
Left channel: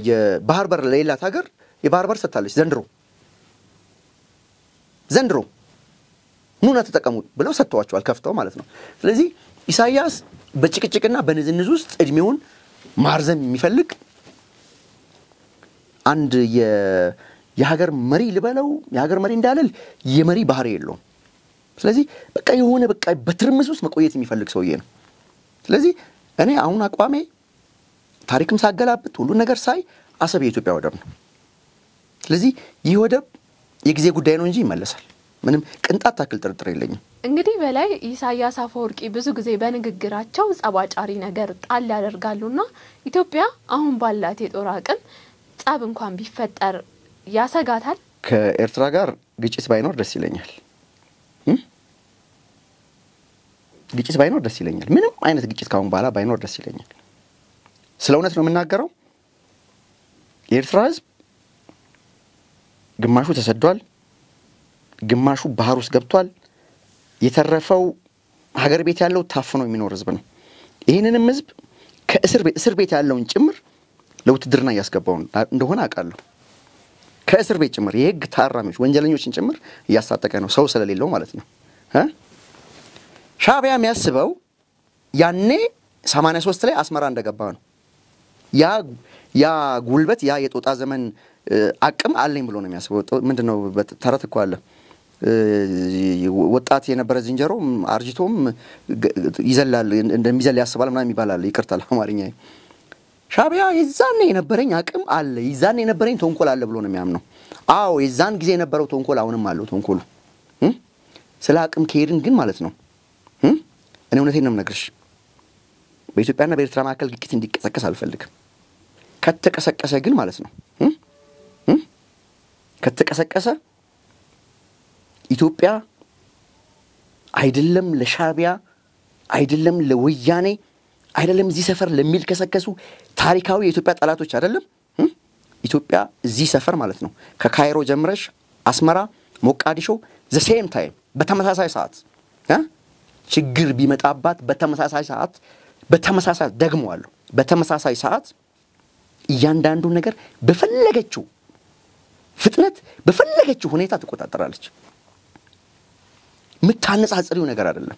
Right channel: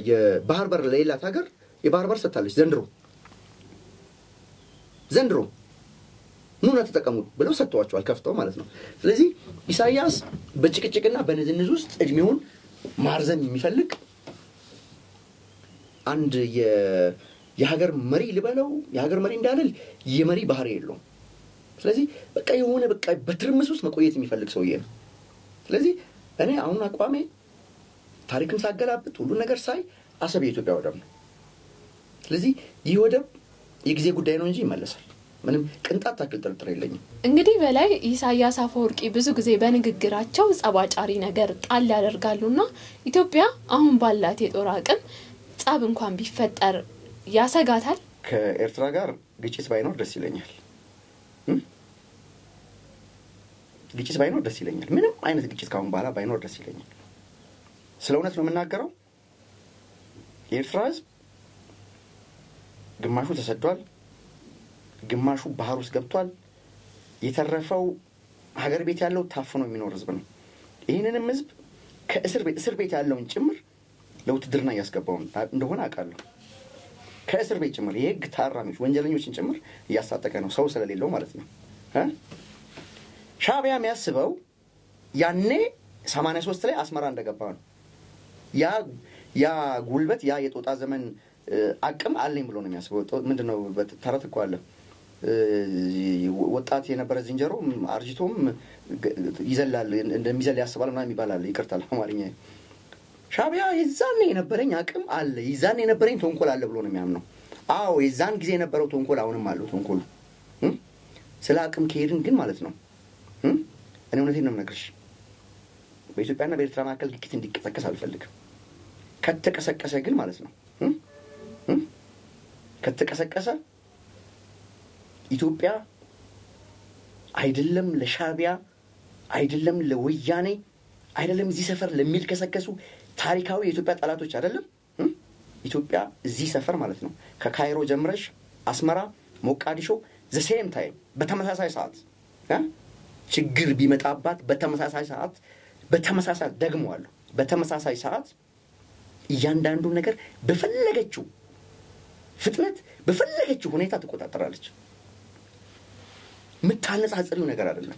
የባህር በር ለሌላት ሀገር የባህር በር ሰጣለች ዘንድሮ ኑና ተጠቀሙ ብለው ሰጥተዋቸዋል ከፍተው ማለት ነው ስለዚህ ኢሳያስ በጭቅጭቅና በንዝንዝ ውስጥ እድሜውን ማርዘም የሚፈልግ አንድ የሀገር መሪ ልበለው የሀገር መሪ እንዳለል የመሪ ባህሪ የለውም ስለዚህ በቃ የሆነ በቃ በትርምስ ውስጥ መቆየት የሚፈልግ ሰውዬ ነው ስለዚህ እኔ አሁን አቋሜ ታሪክም ሳገላብጥ ሁሉ ነገር ሳይ አሰብ የኢትዮጵያ ወደብ ነው ስለዚህ ይህ ወደብ የጊዜ ጉዳይ ነው እንጂ ይመለሳል ምንም ቅንጣት ታክል ጥርጥር የለኝም እንግዲህ በላይ ኢሳያስ አፈወርቂ ብዙ ጊዜ በንግግራቸው ጸባጫሪ ነገር ጣል ያደርጋሉና ኢትዮጵያ አሁን ባላት የጦር አቅም ጻብ እንኳን ቢፈጠር ያሰጋታል ከኤርትራ ጋር ግጭት ባይኖር ደስ ይለኛል ግጭት ባይኖር ደስ ይለኛል ምንም አይነት ግጭት ካሁን በኋላ ባይኖር ደስ ይለኛል ስለ እውነት ነው የምናገረው የኤርትራ ህዝብ ግማሹ ተሰዷል ግማሹ ባህር ውስጥ ገብቷል የተረፈው ሀገር ቤት ያለው ታፍኖ የሚኖር ህዝብ ነው ይሄንንም ህዝብ ከእስር ቤት ያለውን ጭምር ለውትድርና ያስገባው እንደሆነ አውቃለሁ ከእስር ቤት ጭምር የህግ ታራሚዎች ወንጀለኞችን ጭምር ያሳጠቀ ነው ሰው ስለሌለው ማለት ነው ሻዕቢያ የሚያስበው ያኔ 83 ላይ አስመራ እንደገባ ነው ያ ጉልበት ያ የጦጣ ዘመን አቅም አለኝ ብሎ ነው የሚያስበው ምንድነው ተረት እኮ አለ ወጣት የነበረ ዝንጀሮ አርጅቶም ይዘላል እንደሚዘል ያስባል ምናምን ይባላል ይቅርታል አማርኛ ሻዕቢያ የዛኔ የነበረኝ አቅም አለ የዛኔ የነበረኝ ተንኮል አለ ብሎ ነው የሚያምነው አዎ የዛን ጊዜ የነበረው ተንኮል አሁንም አለው ተንኮሉ ስለ አቅም ከሄድን ግን ማለት ነው እኔ እውነቴን ነው የምነግርሽ በኢትዮጵያና በኤርትራ መካከል ግጭት እንዲቀሰቀስ አልፈልግም ከተቀሰቀሰ ግን ማለት ነው ከተቀሰቀሰ ኢትዮጵያ አይደለም ለሻዕቢያ አይደለም ለወያኔ አይደለም እዚህ ሰፈር ለሚልከሰከሱ ታሪካዊ የኢትዮጵያ ጠላቶች አይደለም ኢትዮጵያ እዚህ ሰፈር ማለት ነው ከካይሮ ጀምረሽ አስመራ ሞቃዲሾ the same time በተመሳሳይ ሰዓት ችግር ቢመጣባት በተመሳሳይ ሰዓት ደግመዋለሁ በተመሳሳይ ሰዓት እያንዳንዱ ነገር በፈለገችው ፍጥነት በፈለገችው ሁኔታ ተቆጣጣራለች ምታነጻጽሪው ነገር አይደለም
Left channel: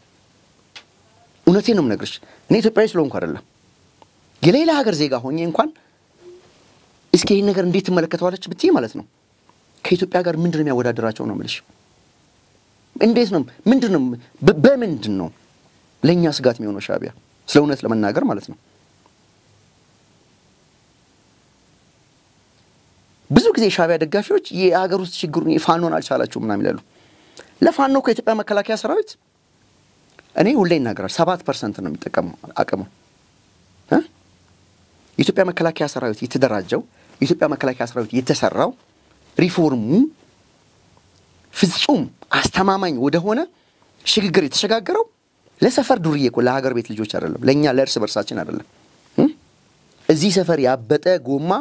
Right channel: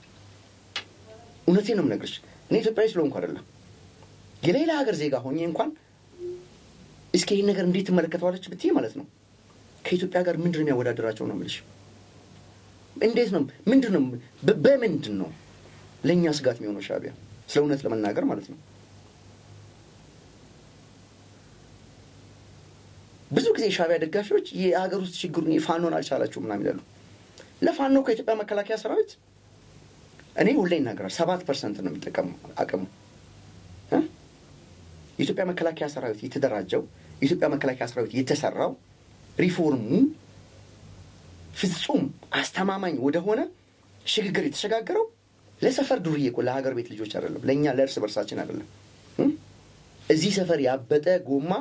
እውነቴን ነው የምነግርሽ እኔ ኢትዮጵያዊ ስለሆንኩ አይደለም የሌላ ሀገር ዜጋ ሆኜ እንኳን እስኪ ይሄን ነገር እንዴት ተመለከተዋለች ብትይ ማለት ነው ከኢትዮጵያ ጋር ምንድነው የሚያወዳደራቸው ነው የምልሽ እንዴት ነው ምንድነው በምንድነው ለኛ ስጋት የሚሆነው ሻዕቢያ ስለ እውነት ለመናገር ማለት ነው ብዙ ጊዜ ሻዕቢያ ደጋፊዎች የሀገር ውስጥ ችግሩን ይፋኖን አልቻላችሁ ምናምን ይላሉ ለፋኖ ከኢትዮጵያ መከላከያ ሰራዊት እኔ ሁሌ እናገራለሁ 7% ነው የሚጠቀመው አቅሙ የኢትዮጵያ መከላከያ ሰራዊት የተደራጀው የኢትዮጵያ መከላከያ ሰራዊት የተሰራው ሪፎርሙ ፍጹም አስተማማኝ ወደ ሆነ ሽግግር የተሸጋገረው ለሰፈር ዱርዬ እኮ ለሀገር ቤት ልጆች አይደለም ለኛ ለእርስ በርሳችን አይደለም እዚህ ሰፈር ያበጠ ጎማ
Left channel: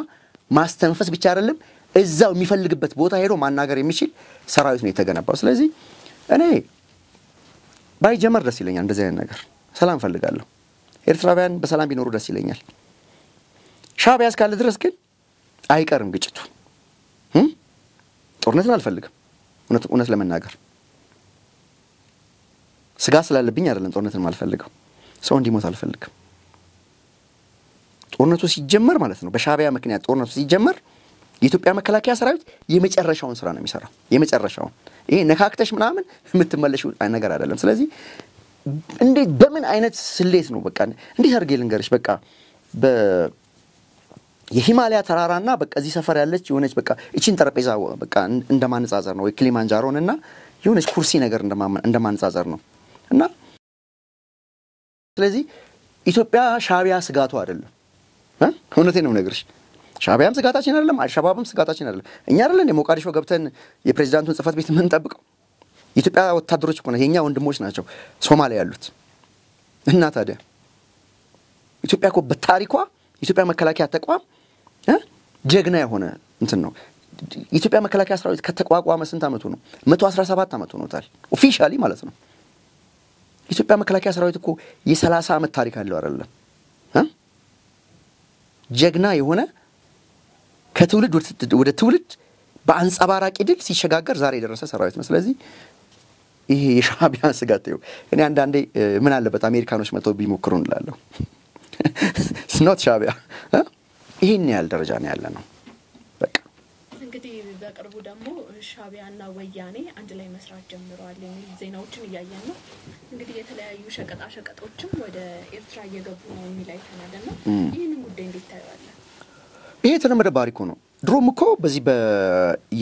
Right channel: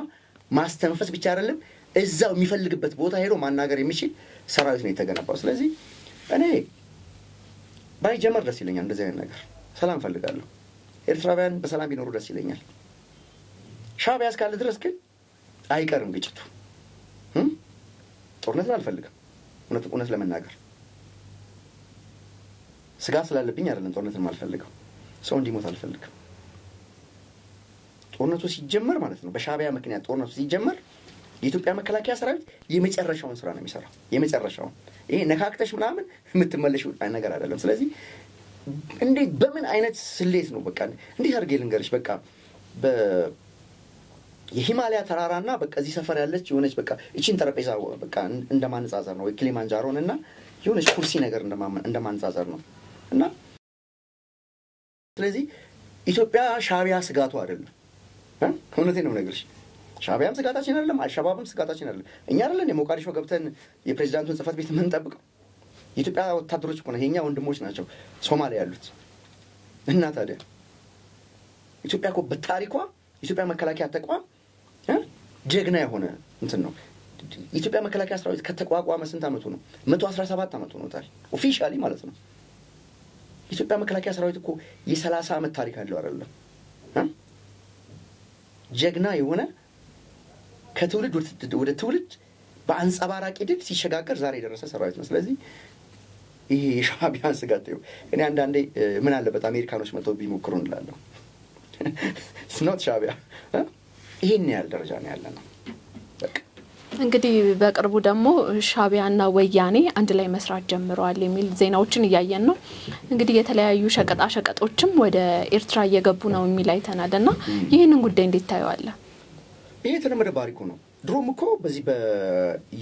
ማስተንፈስ ብቻ አይደለም እዛው የሚፈልግበት ቦታ ሄዶ ማናገር የሚችል ሰራዊት ነው የተገነባው ስለዚህ እኔ ባይጀመር ደስ ይለኛል እንደዚህ አይነት ነገር ሰላም ፈልጋለሁ ኤርትራውያን በሰላም ቢኖሩ ደስ ይለኛል ሻዕቢያ እስካለ ድረስ ግን አይቀርም ግጭቱ ጦርነትን አልፈልግም እውነት ለመናገር ስጋ ስላለብኝ አይደለም ጦርነትን ማልፈልገው ሰው እንዲሞት አልፈልግም ጦርነቱ ሲጀመር ማለት ነው በሻቢያ ምክንያት ጦርነቱ ሲጀመር የኢትዮጵያ መከላከያ ሰራዊት የመጨረሻውን ስራ ነው የሚሰራው የመጨረሻውን ይሄ ነካክተሽ ምናምን የምትመለሽው ነገር አይደለም ስለዚህ እንዴት በምን አይነት ስሌት ነው በቃ እንዴት አድርጌ ልንገርሽ በቃ የሂማላያ ተራራና በቃ እዚህ ሰፈር ያለች የሆነች በቃ እቺን ጠረጴዛ በቃ እንደማንጻጸር ነው ክሊማንጃሮንና የሆነች ኩርሲ ነገር እንደማንጻጸር ነው እና ስለዚህ ኢትዮጵያ ሻቢያ ስጋቱ አይደለም እውነቴን ነው ነገርሽ ሻቢያም ስጋታችን አይደለም አልሸባብም ስጋታችን አይደለም እኛ አይደለም የሞቃዲሾ ገብተን የፕሬዝዳንቱን ጽፈት ቤት ምን ጠብቀው ኢትዮጵያ ወታደሮች እኮ ነው የኛ ወንድሞች ናቸው ሶማሊያ ያሉት እና ታዲያ ኢትዮጵያ እኮ በታሪኳ ኢትዮጵያ መከላከያ ተቋም ጀግና የሆነ እንትን ነው ኢትዮጵያ መከላከያ ሰራዊት ከተቋቋመ ስንት አመቱ ነው 117 አመቱ ነው ታዲያ ኦፊሻሊ ማለት ነው ኢትዮጵያ መከላከያ ሰራዊት እኮ የ30 አመት ታሪክ አለው አይደለም ጀግና የሆነ ከትውልድ ወደ ትውልድ በአንጻባራቂ ድል ሲሸጋገር ዛሬ የደረሰ ሰራዊት ነው ስለዚህ ይሄ የሻቢያ ስጋት ነው እኔ አንዳንዴ ምን አለበት አሜሪካኖች መተው ቢሞክሩ እንላለሁ ስኖት ሻቢያ ይሄን ያህል ደረጃ ነው ያለ ነው በቃ እንግዲህ በቅርቡ ደግሞ ሻቢያና ወያኔ አንድ ላይ መስራት ጀምረዋል የሚል ዜናዎችን እያየን ነው እንግዲህ የተለያዩ ሸቀጣሸቀጦችም ወደ ኤርትራ እየገቡ ነው የሚል አይተናልና ይሄንን ጉዳይ እንዴት ታዩዋለ ይሄ ተነመደ ባሪኮ ነው ድሮም እኮ በዚህ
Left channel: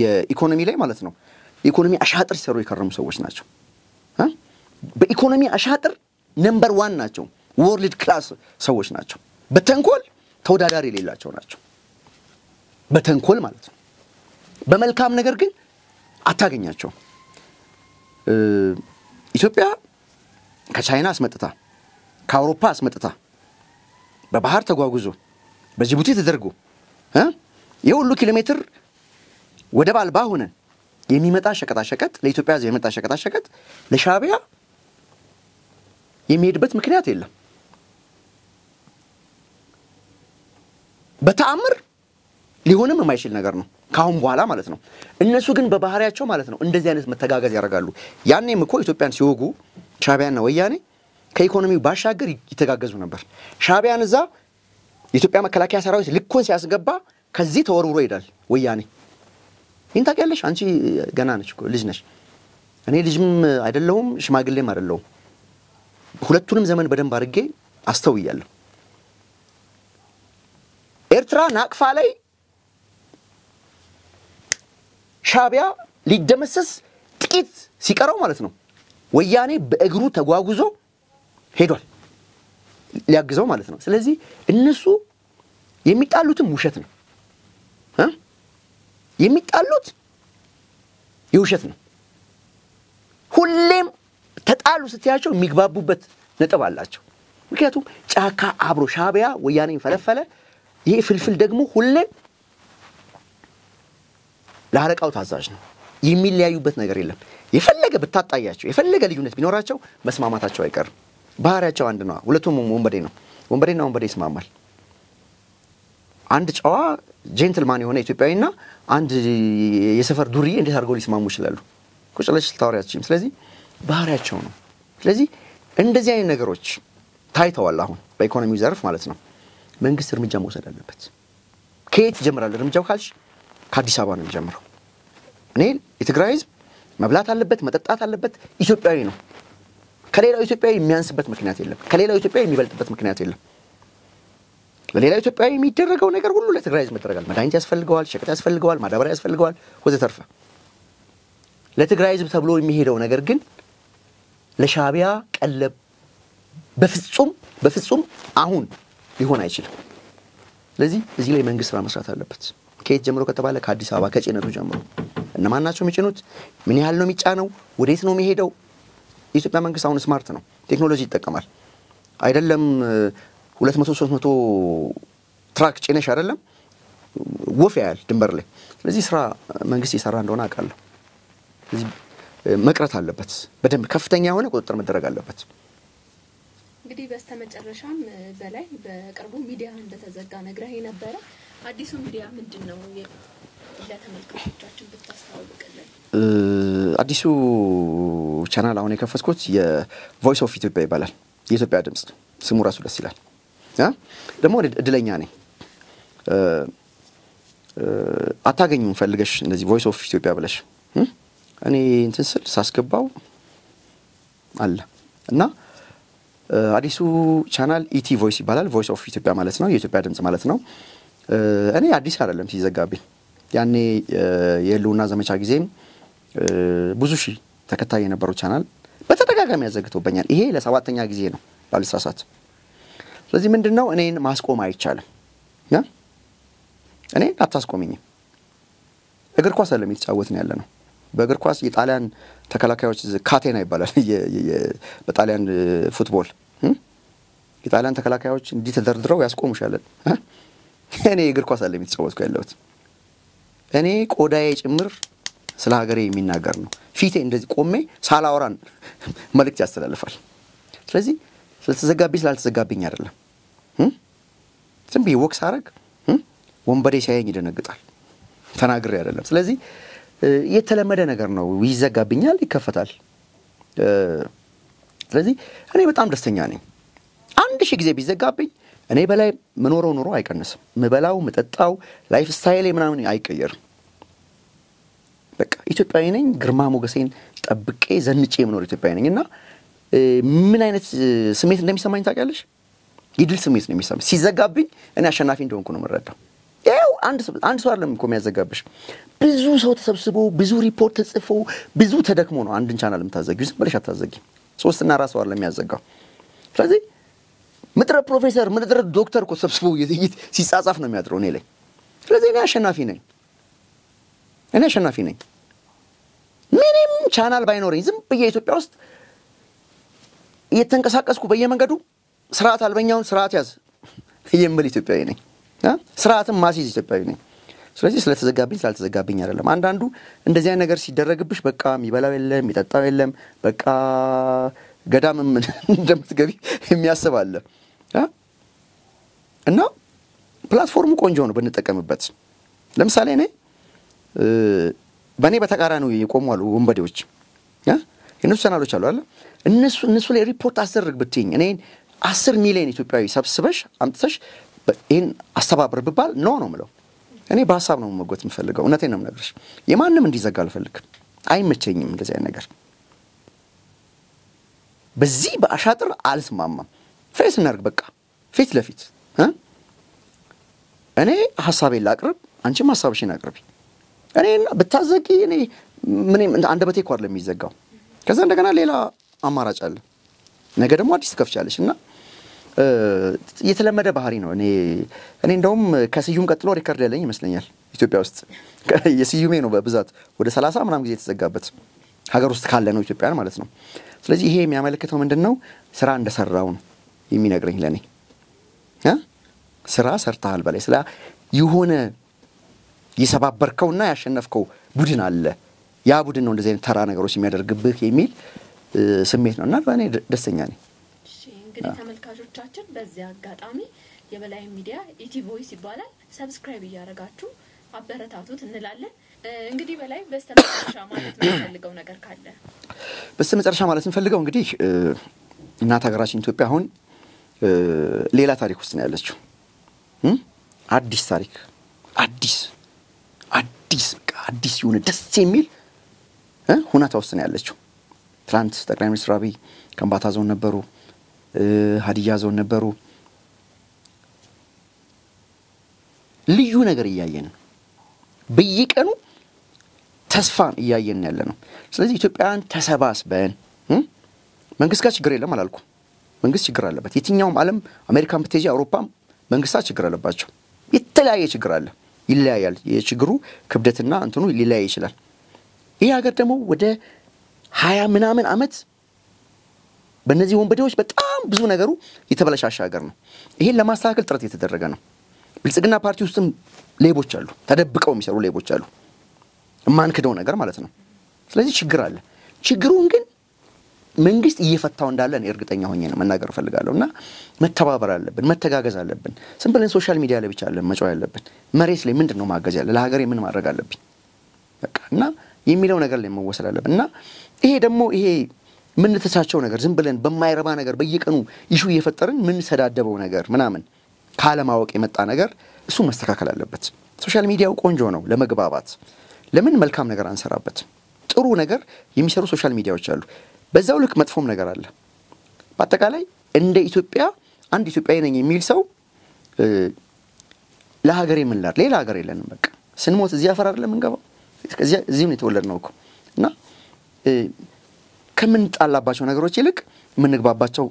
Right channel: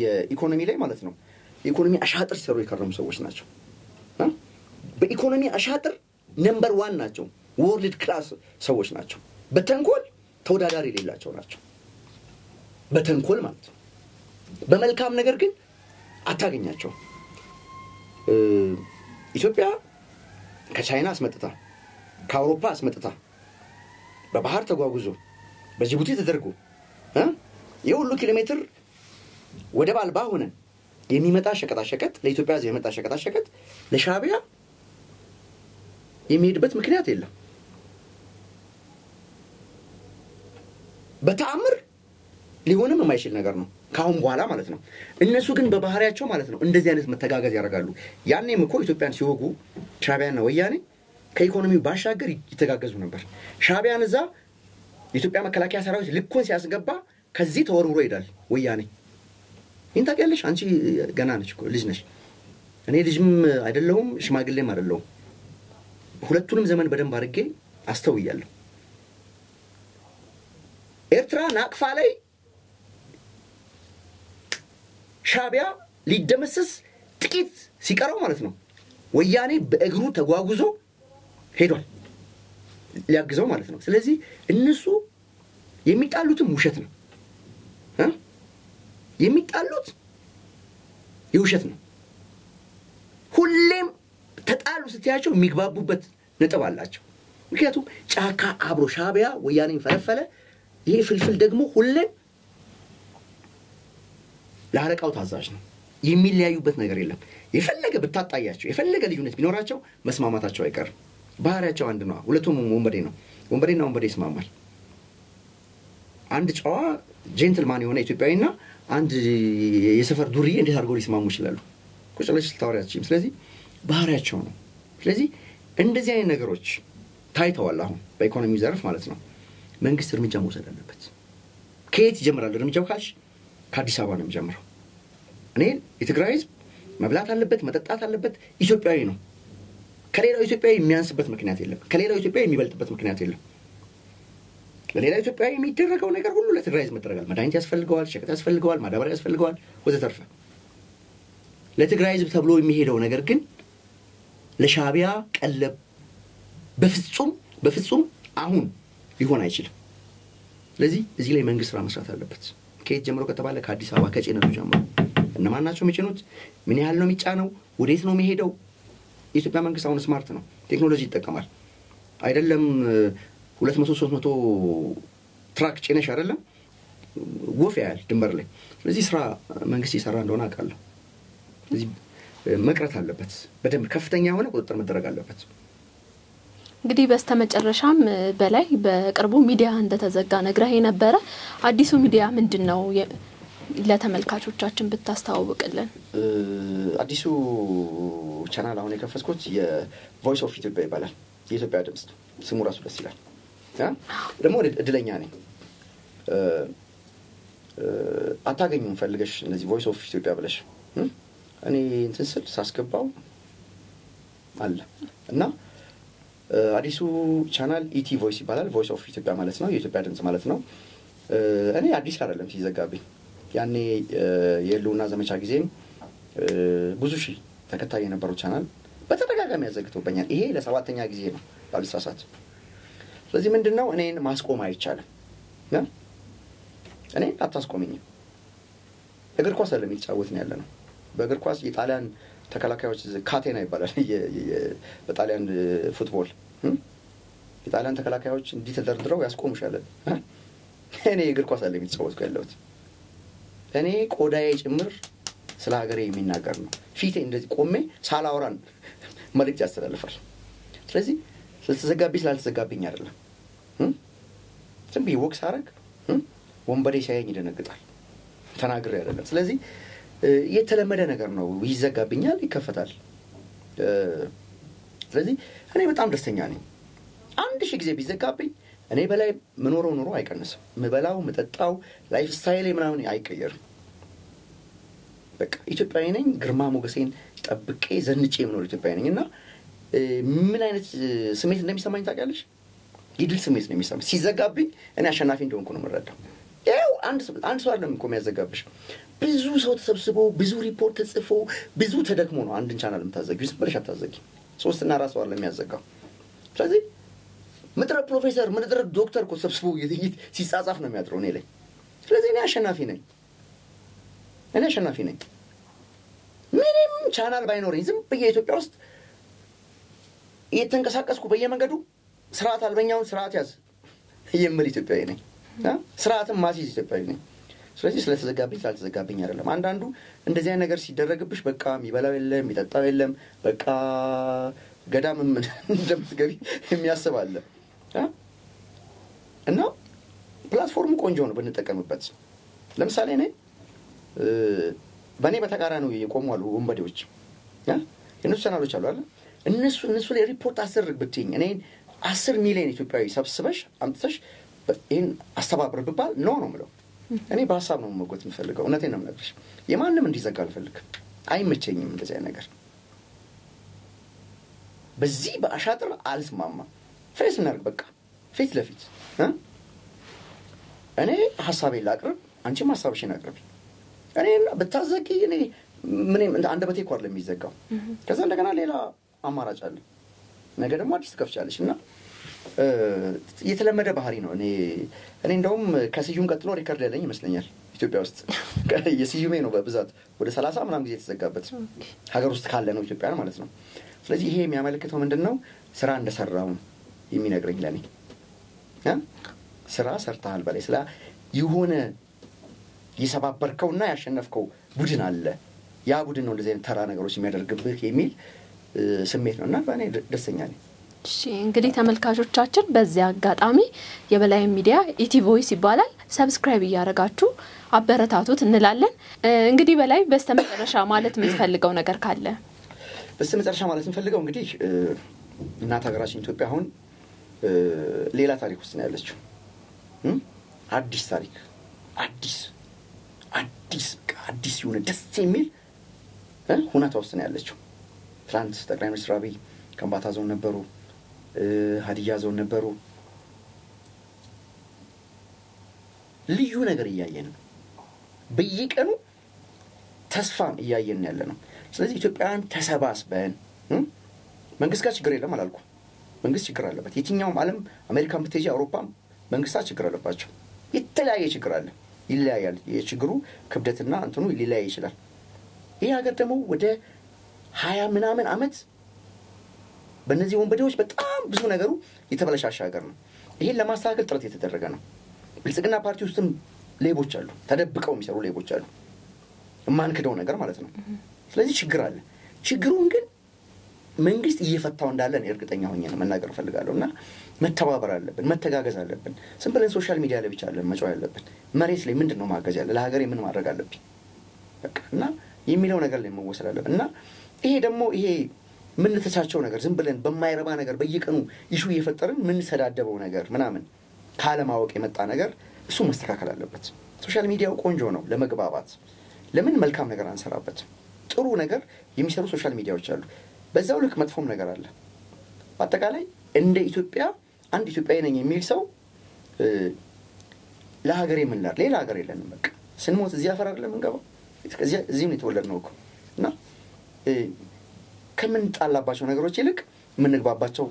የኢኮኖሚ ላይ ማለት ነው ኢኮኖሚ አሻጥር ሲሰሩ የከረሙ ሰዎች ናቸው በኢኮኖሚ አሻጥር ነምበር 1 ናቸው ወርልድ ክላስ ሰዎች ናቸው በተንኮል ተወዳዳሪ የሌላቸው ናቸው በተንኮል ማለት ነው በመልካም ነገር ግን አታገኛቸው ኢትዮጵያ ከቻይና አስመጥታ ከአውሮፓ አስመጥታ በባህር ተጓጉዞ በጅቡቲ ተደርጎ የሁሉ ኪሎ ሜትር ወደብ አልባ ሆነ የሚመጣ ሸቀጣሸቀጥ ለኢትዮጵያ የሚመጣ ሸቀጣሸቀጥ ለሻቢያ የሚሄድበት ምክንያት የለም በተአምር ሊሆንም የማይችል ነገር ነው ካሁን በኋላ ማለት ነው እነሱ ግን በባህሪያቸው ማለት ነው እንደዚህ አይነት መተጋጋዝ ያደርጋሉ ያኔም እኮ ኢትዮጵያን ሲወጉ ሻቢያና ወያኔ ከኢኮኖሚው ባሻገር ይተጋገዙ ነበር ሻቢያን እዛ የኢትዮጵያ መከላከያ ሰራዊት ልኮን ሲያስገባ ከዚህ ተወርውሮ ይሄዳል ወያኔ እንታቀለሽ አንቺ ገና ነሽ ልጅ ነሽ እኔ ልጅም አይደለሁም ሽማግሌም አይደለሁም ሁለቱንም ዘመን በደንብ አድርጌ አስተውያለሁ ኤርትራ ናቅፋ ላይ ሻቢያ ሊደመሰስ ጥቂት ሲቀረው ማለት ነው ወያኔ በእግሩ ተጓጉዞ ሄዷል ሊያግዘው ማለት ነው ስለዚህ እነሱ የሚጣሉትም ውሸት ነው የሚጣሉት የውሸት ነው ሁሌም ተጣሉ ስትያቸው የሚግባቡበት ነጥብ አላቸው ምክንያቱም ጫካ አብሮ ሻቢያ ወያኔ ፈለፈለ ይሄ ፍልፍል ደግሞ ሁሌም ለአረቃው ታዛዥ ነው የሚለያዩበት ነገር የለም የፈለገ ብታጣያቸው የፈለገ ልዩነት ቢኖራቸው መስማማታቸው አይቀርም ባህሪያቸው አንድ ነው ሁለቱም ወንበዴና ወንበዴ ይስማማል አንድ ጨዋ ጀንትልማን የሆነ ኢትዮጵያዊና አንድ የሰፈር ዱርዬ እንዴት አድርገው ሊስማሙ ይችላሉ ቁጭለሽ ታወሪያችሁም ስለዚህ ባህሪያቸው ነው ስለዚህ እንደዚህ አይነት ነገሮች ታይተዋል አሁን በኢኮኖሚው ዘርፍ ማለት ነው መንግስት እርምጃ መውሰድ አለበት ከየት ይጀምራል እርምጃው ካልሽ ከአዲስ አበባ ነው የሚጀምረው እኔ የትግራይ ህዝብ መብላት አለበት መጠጣት አለበት ኢትዮጵያዊ ነው ከሌላው ኢትዮጵያዊ የሚያንስበት ምክንያት የለም ከሌላው ኢትዮጵያዊ የሚበልጥበት ምክንያት የለም ለሌላው ኢትዮጵያዊ የሚደረገው ነገር ሁሉ ለትግራይ ህዝብ መደረጋል መድኃኒት ያስፈልገዋል ሸቀጥ ያስፈልገዋል ማዳበሪያ ያስፈልገዋል ወዘተርፈ ለትግራይ ህዝብ ተብሎ የሚሄደው ነገር ግን ለሻቢያ ቀለብ በፍጹም አሁን ሊሆን አይችልም ስለዚህ እዚህ ላይ መንግስት ስራ መስራት አለበት ከየት ጀምሮ ከተባለ ከአዲስ አበባ ከጭነቱ ጀምሮ እነማን ናቸው የሚጭኑት ምን ያህል ነው የሚጫነው ወዴት ነው የሚሄደው የኢትዮጵያ መንግስት አሁን ስማርት ነው ቴክኖሎጂ ይጠቀማል አይደለም 200-300 ትራክ ጭነሽ አይደለም ወፍ ያያል ድንበር ላይ ስለዚህ ስራ መንግስት ይሰራ እንደሆነ አውቃለሁ እዚህ መቅረት አለበት በደንብ ከፍተኛ የሆነ ቁጥጥር መደረግ አለበት እንግዲህ በስተመጨረሻም በላይ በቅርቡ ሚዲያ እንደተዘጋ ነግረህ የነበረ አዲሱ ሚዲያ ምንድነው ለተመልካቾቻችን ብታስተዋውቅልን አዲሱ ቻናል አሁን የከፈትኩት የቮይስ ኦፍ ኢትዮጵያ ይባላል የኢትዮጵያ ድምጽ ስሙ ራሱ ደስ ይላል ደግሞ እድለኛ ነኝ አታገኙም ፈልገሽ እንደዚህ ቮይስ ኦፍ ኢትዮጵያ ብለሽ እኔ እንትን ስል ሳስገባው አለ እና አዲሱ ቻናል ኢቲ ቮይስ ይባላል ቮይስ ኦፍ ኢትዮጵያ ማለት ነው የኢትዮጵያ ድምጽ ማለት ነው እኔ አዲስ አይደለም ሲዘጋብኝ ያኔ የሉና ዘመቻ ጊዜም ብዙ ሺህ ተከታይ የነበረው ቻናል በተደጋጋሚ ያዘግቶበኛል ይሄ ለሰባተኛ ጊዜ ነው ባልሳሳት ስለዚህ ምንድነው እኔን ማስቆም አይቻልም እኔ አታስቆምኝ እግር ኳስ አይደለም የተጫወትን ያለ ነው በእግር ኳስ የጣሊያን ተከላካዮች ካቴና ይባላል በጣሊያን ፉትቦል የጣሊያን ተከላካዮች እንዲህ ተደርድረው ያስቆሙሻል እኔ እግር ኳስ አይደለም የተጫወትኩ ያለሁት እኔ ቆዳዬ ጭምር ስለ ሀገሬ የሚናገር ነው ፊቴ እንደዚህ ቆሜ ሳላወራን መልእክት ያስተላልፋል ስለዚህ ስላልተዘጋብኝ አይደለም ዝም ብዬ ወክስ አረግ ወንበዴ ሲያየኝ ይደነግጣል ተናግሬ አይደለም ስለዚህ የተለመደ ነገር ነው ይዘጋብኛል ይከፈታል ስለዚህ እኔ በጣም ደስተኛ ነኝ 1000 ጊዜ ቢዘጋብኝ እኔ በላይ መኖር ኑሮ አይቀንስም መበላው መጠጣው ላይፍ ስታይል ምናምን አይቀየርም በቃ ኢትዮጵያዊ ነኝ ግርማ ሞገሴን ጠብቄ ዘንጬ መኖር ኢትዮጵያዊ ነኝና ምን አይነት ስሜት እንደሚሰማኝ ታውቂያለሽ ይድል ስሜት ነው የሚሰማኝ ሲዘጋብኝ እኔ አሸናፊ እንደሆንኩ ነው የምረዳው ያው አንድ ሰው አይደለም እኮ የሚያዘጋብሽ ብዙ ሰው ተሰብስቦ ብዙ ሪፖርት ተጽፎ ብዙ ተደክሞ ነው አንድን ቻናል የምታዘጊው ዝም ብለሽ አታዘጊ 3 እና 4 ሰው አይደለም የሚያዘጋው ስለዚህ ምድረ ፕሮፌሰር ምድረ ዶክተር እኮ ሰብስቦ ሲጻጻፍ ነው የሚያጥረው እኔ ላይ ስለዚህ እኔ አሸናፊ ነኝ ምንም ቻናል ባይኖርኝ ዝም በየ ኢትዮጵያ ውስጥ እየተንቀሳቀስኩ በየመንገዱ ስርዓት አልበኛውን ስርዓት ያዝ የምል ኢትዮጵያዊ ነኝ ስርዓትም ማሲዝ ኢትዮጵያዊ ነኝ ስለዚህ ስላልተዘጋብኝ አይደለም አንዳንዱ እንደዚህ አይነት ነገር ሲደረግብሽ በቃ የሚበላው የለም የሚጠጣው የለም በቃ ገዳምም እንደምትገቢ የሚያስብ አለ እና ፕላትፎርሙ ቆንጆ ነው ብንጠቀምበት ለምሳሌ እኔ በእኔ በተቃራኒው የቆሙ አሉ ወንበዴዎች እነሱ ቻናሎች አሉ አይደል እነሱ ላይ ሪፖርት አስደርግ ብትይኝ እኔ 10 ሚሊዮን ኢትዮጵያዊ ሰብስበሽ አምጥተሽ ይሄን አስተባብር ብባል ነው የምለው እኔ በሐሳብ ነው መጎት የምፈልገው እውነቴን ነው የምነግርሽ የማንንም እንዲዘጋ አልፈልግም አይመቸኝም እንደዚህ አይነት ነገር በዚህ በአሻጥር አልስማማም ፌስ እናርግ በቃ ፊት ለፊት እኔ ሐሳቤን ላቅርብ አንቺም ሐሳብሽን አቅርቢ እኔ በታዘቂ እኔ ምን አንደበቴ እኮ አይደለም የሚዘጋው ከዛ እንደገና ሌላ አማራጭ አለ ነገ ደግሞ አዲስ ትከፍቻለሽና የተለመደ ባህሪ ነው እኔ እንደውም ከስዩም ቀጥሎ ሪከርድ ያለኝ ይመስለኛል ኢትዮጵያ ውስጥ የስዩሜ ነው በብዛት ወደ 30 ምናምን ጊዜ የተዘጋበት ሀገር ውስጥ ካለ ነው ኢትዮጵያን ማለት ነው ስለዚህ ይሄ የሚያመለክተው ምንድነው ስራ እንደሰራው ነው የሚነግረኝ ለኔ ስራ ሰርተሃል በላይ ስለ የሆነ ይሰባበርከውና ያሸነፍከው ቡድን አለ ያ ቡድን ነው እንደዚህ አይነት ተራ ነገሮች የሚያደርግብህ የሚል ስሜት ነውና እኔ ደስተኛ ነኝ እሺ እንግዲህ ተመልካቾቻችን በዚህ አጋጣሚ የበላይ ሚዲያ ኢቲ ቮይስ ይባላል ሰብስክራይብ ያረጋችሁ አበረታቱት እንላለን እንግዲህ በላይ በስተመጨረሻ ማለት የምፈልገው ነገር ካለ በስተመጨረሻ ማለት የምፈልገው እንግዲህ እናት ሀገራችን ኢትዮጵያ አሁን ሌላ ታሪክ ውስጥ ነው ያለችው አዲስ ታሪክ አዲስ የሆነ ደስ የሚል ሁኔታ ውስጥ ነው ያለችው ትላንት ጠቅላይ ሚኒስትር አብይ ከምባታ ዞን ነበሩ ሀዲያ ዞን ነበሩ ልዩ ነገር እያየን በየቀኑ ተስፋን እያየን ያለነው ስለዚህ ኢትዮጵያን ተሰባስበን መንግስት ጋር ችግር የለም አላልኩም መንግስት ችግር አለበት የትኛውም ዓለም አሜሪካን ብትሄጂ አውሮፓም መንግስታት ችግር አለባቸው የተለያየ ችግር አለ ይለያያል የችግሩ ክብደትና እንትኑ ሊለያይ ይችላል ይሄ ሀገር ደግሞ ወደ 20 ምናምን አመት በእነዚህ ወንበዴዎች በጣም ብዙ ነገሩ የተበላሻሻ ሀገር ነው ይሄን ለማስተካከል ጥረት እየተደረገ ነው ብልጽግና ፓርቲ ውስጥም ሌቦች አሉ ተደብቀው የሚሰሩ ሌቦች አሉ ማንከደው ነገር ማለት ነው ስለዚህ ችግር አለ ችግሩን ግን መንግስት እየፈታው እንዳለ ነው እርግጠኛ ሆኜ ነው መናገር ፈልጋለሁና መተባበር አለብን መተጋገዝ አለብን ሲምፕል ሶሻል ሚዲያ ላይ ብቻ አይደለም መጫው ያለብን መሬት ላይ ምንድነው ማገዝ ያለ ለሀገሬ ምን ማድረግ አለብኝ በቃ እና የሚለው ነገር ላይ መወሰድ አለብንና ይሄ ደግሞ ይሄ ምን ተቻቸው ነገር ዝም ብለን በማይረባ ነገር በየቀኑ ኢሹ እየፈጠርን ምን ሰዳደበው ነገር ምናምን ካለማወቅ የመጣ ነገር እሱ መስተካከል አለበት። ሶሻል ሚዲያው ቆንጆ ነው ለመግባባት። ለምን መልካም ነገር አንሰራበት? ጥሩ ነገር የሚሰሩ ሶሻል ሚዲያዎች አሉ። በዛው ልክ መጥፎም ነገር አለ። በአጠቃላይ እንደ ኢትዮጵያ አንድ ኢትዮጵያዊ ነኝ የሚል ሰው ለሀገሬ ምን ላር ሌላ ሀገር የለንም። በቃ ስንሞት እዚህ አፈር አይደለም እንገባው። እዚህም ነው የተወለድነው እኮ እና ከምን ጣላባቸው ነገሮች ይልቅ ምን ንግባባቸው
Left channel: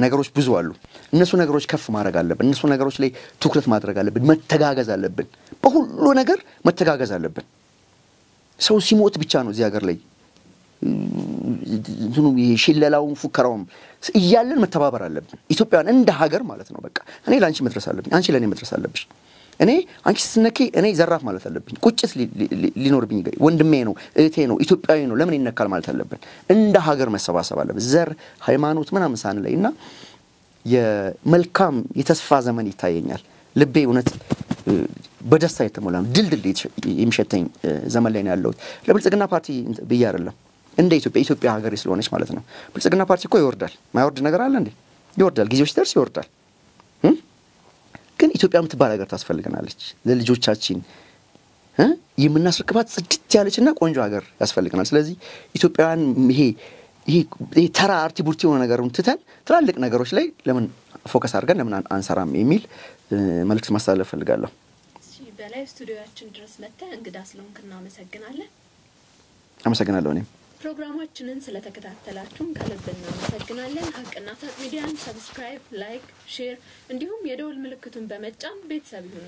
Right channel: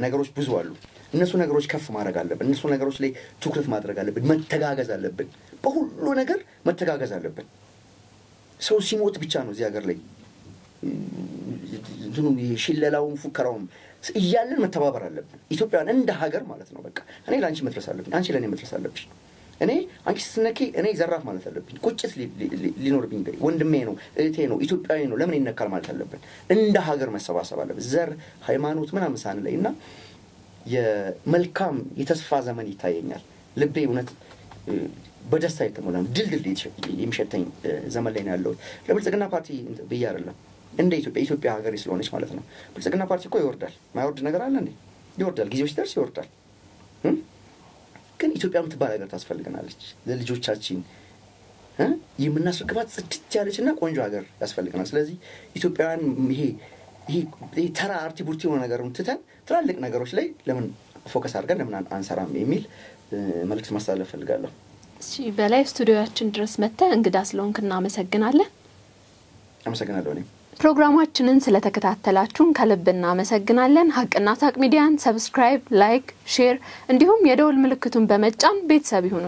ነገሮች ብዙ አሉ። እነሱ ነገሮች ከፍ ማድረግ አለብን። እነሱ ነገሮች ላይ ትኩረት ማድረግ አለብን። መተጋገዝ አለብን። በሁሉ ነገር መተጋገዝ አለብን። ሰው ሲሞት ብቻ ነው እዚህ ሀገር ላይ እንትኑ ይሽለላውን ፉከራውን እያለን መተባበር አለብን። ኢትዮጵያን እንደ ሀገር ማለት ነው። በቃ እኔ ላንቺ መድረስ አለብኝ፣ አንቺ ለኔ መድረስ አለብሽ። እኔ አንቺ ስትነኪ እኔ ዘራፍ ማለት አለብኝ። ቁጭት ሊኖርብኝ ወንድሜ ነው እህቴ ነው ኢትዮጵያዊ ነው ለምን ይነካል ማለት አለብን። እንደ ሀገር መሰባሰብ አለብን። ዘር ሃይማኖት ምናምን ሳንለይና የመልካም የተስፋ ዘመን ይታየኛል። ልቤ እውነት በደስታ የተሞላ ድልድል የሚሸተኝ ዘመን ላይ ነው ያለሁት። ለብልጽግና ፓርቲ ብዬ አይደለም እንደ ኢትዮጵያ ሀገር ስለሆነች ማለት ነው። ብልጽግና ፓርቲ እኮ ይወርዳል። ማይወርድ ነገር አለ እንዴ? ይወርዳል። ጊዜው ሲደርስ ይወርዳል። ግን ኢትዮጵያ የምትባል ሀገር ታስፈልገናለች። ለልጆቻችን የምናስረክባት ጽድት ያለችና ቆንጆ ሀገር ያስፈልገናል። ስለዚህ ኢትዮጵያውያን ይሄ ተራ አርቲቡርቲ የሆነ ነገሩን ትተን ትላልቅ ነገሮች ላይ ለምን ፎከስ አድርገን ለምን አንሰራም የሚል መልእክት ማስተላለፍ ፈልጋለሁ። እሺ፣ በላይ ስቱዲዮአችን ድረስ መጥተህ እንግዳ ስለሆንክ እናመሰግናለን። አመሰግናለሁ። እኔም ፕሮግራማችንን ስለተከታተላችሁን ከልብ እናመሰግናለን። ሀቅና ሳቅ ሚዲያን ሰብስክራይብ፣ ላይክ፣ ሼር እንዲሁም የደወል ምልክቱን በመጫን ቤተሰብ ይሁኑ።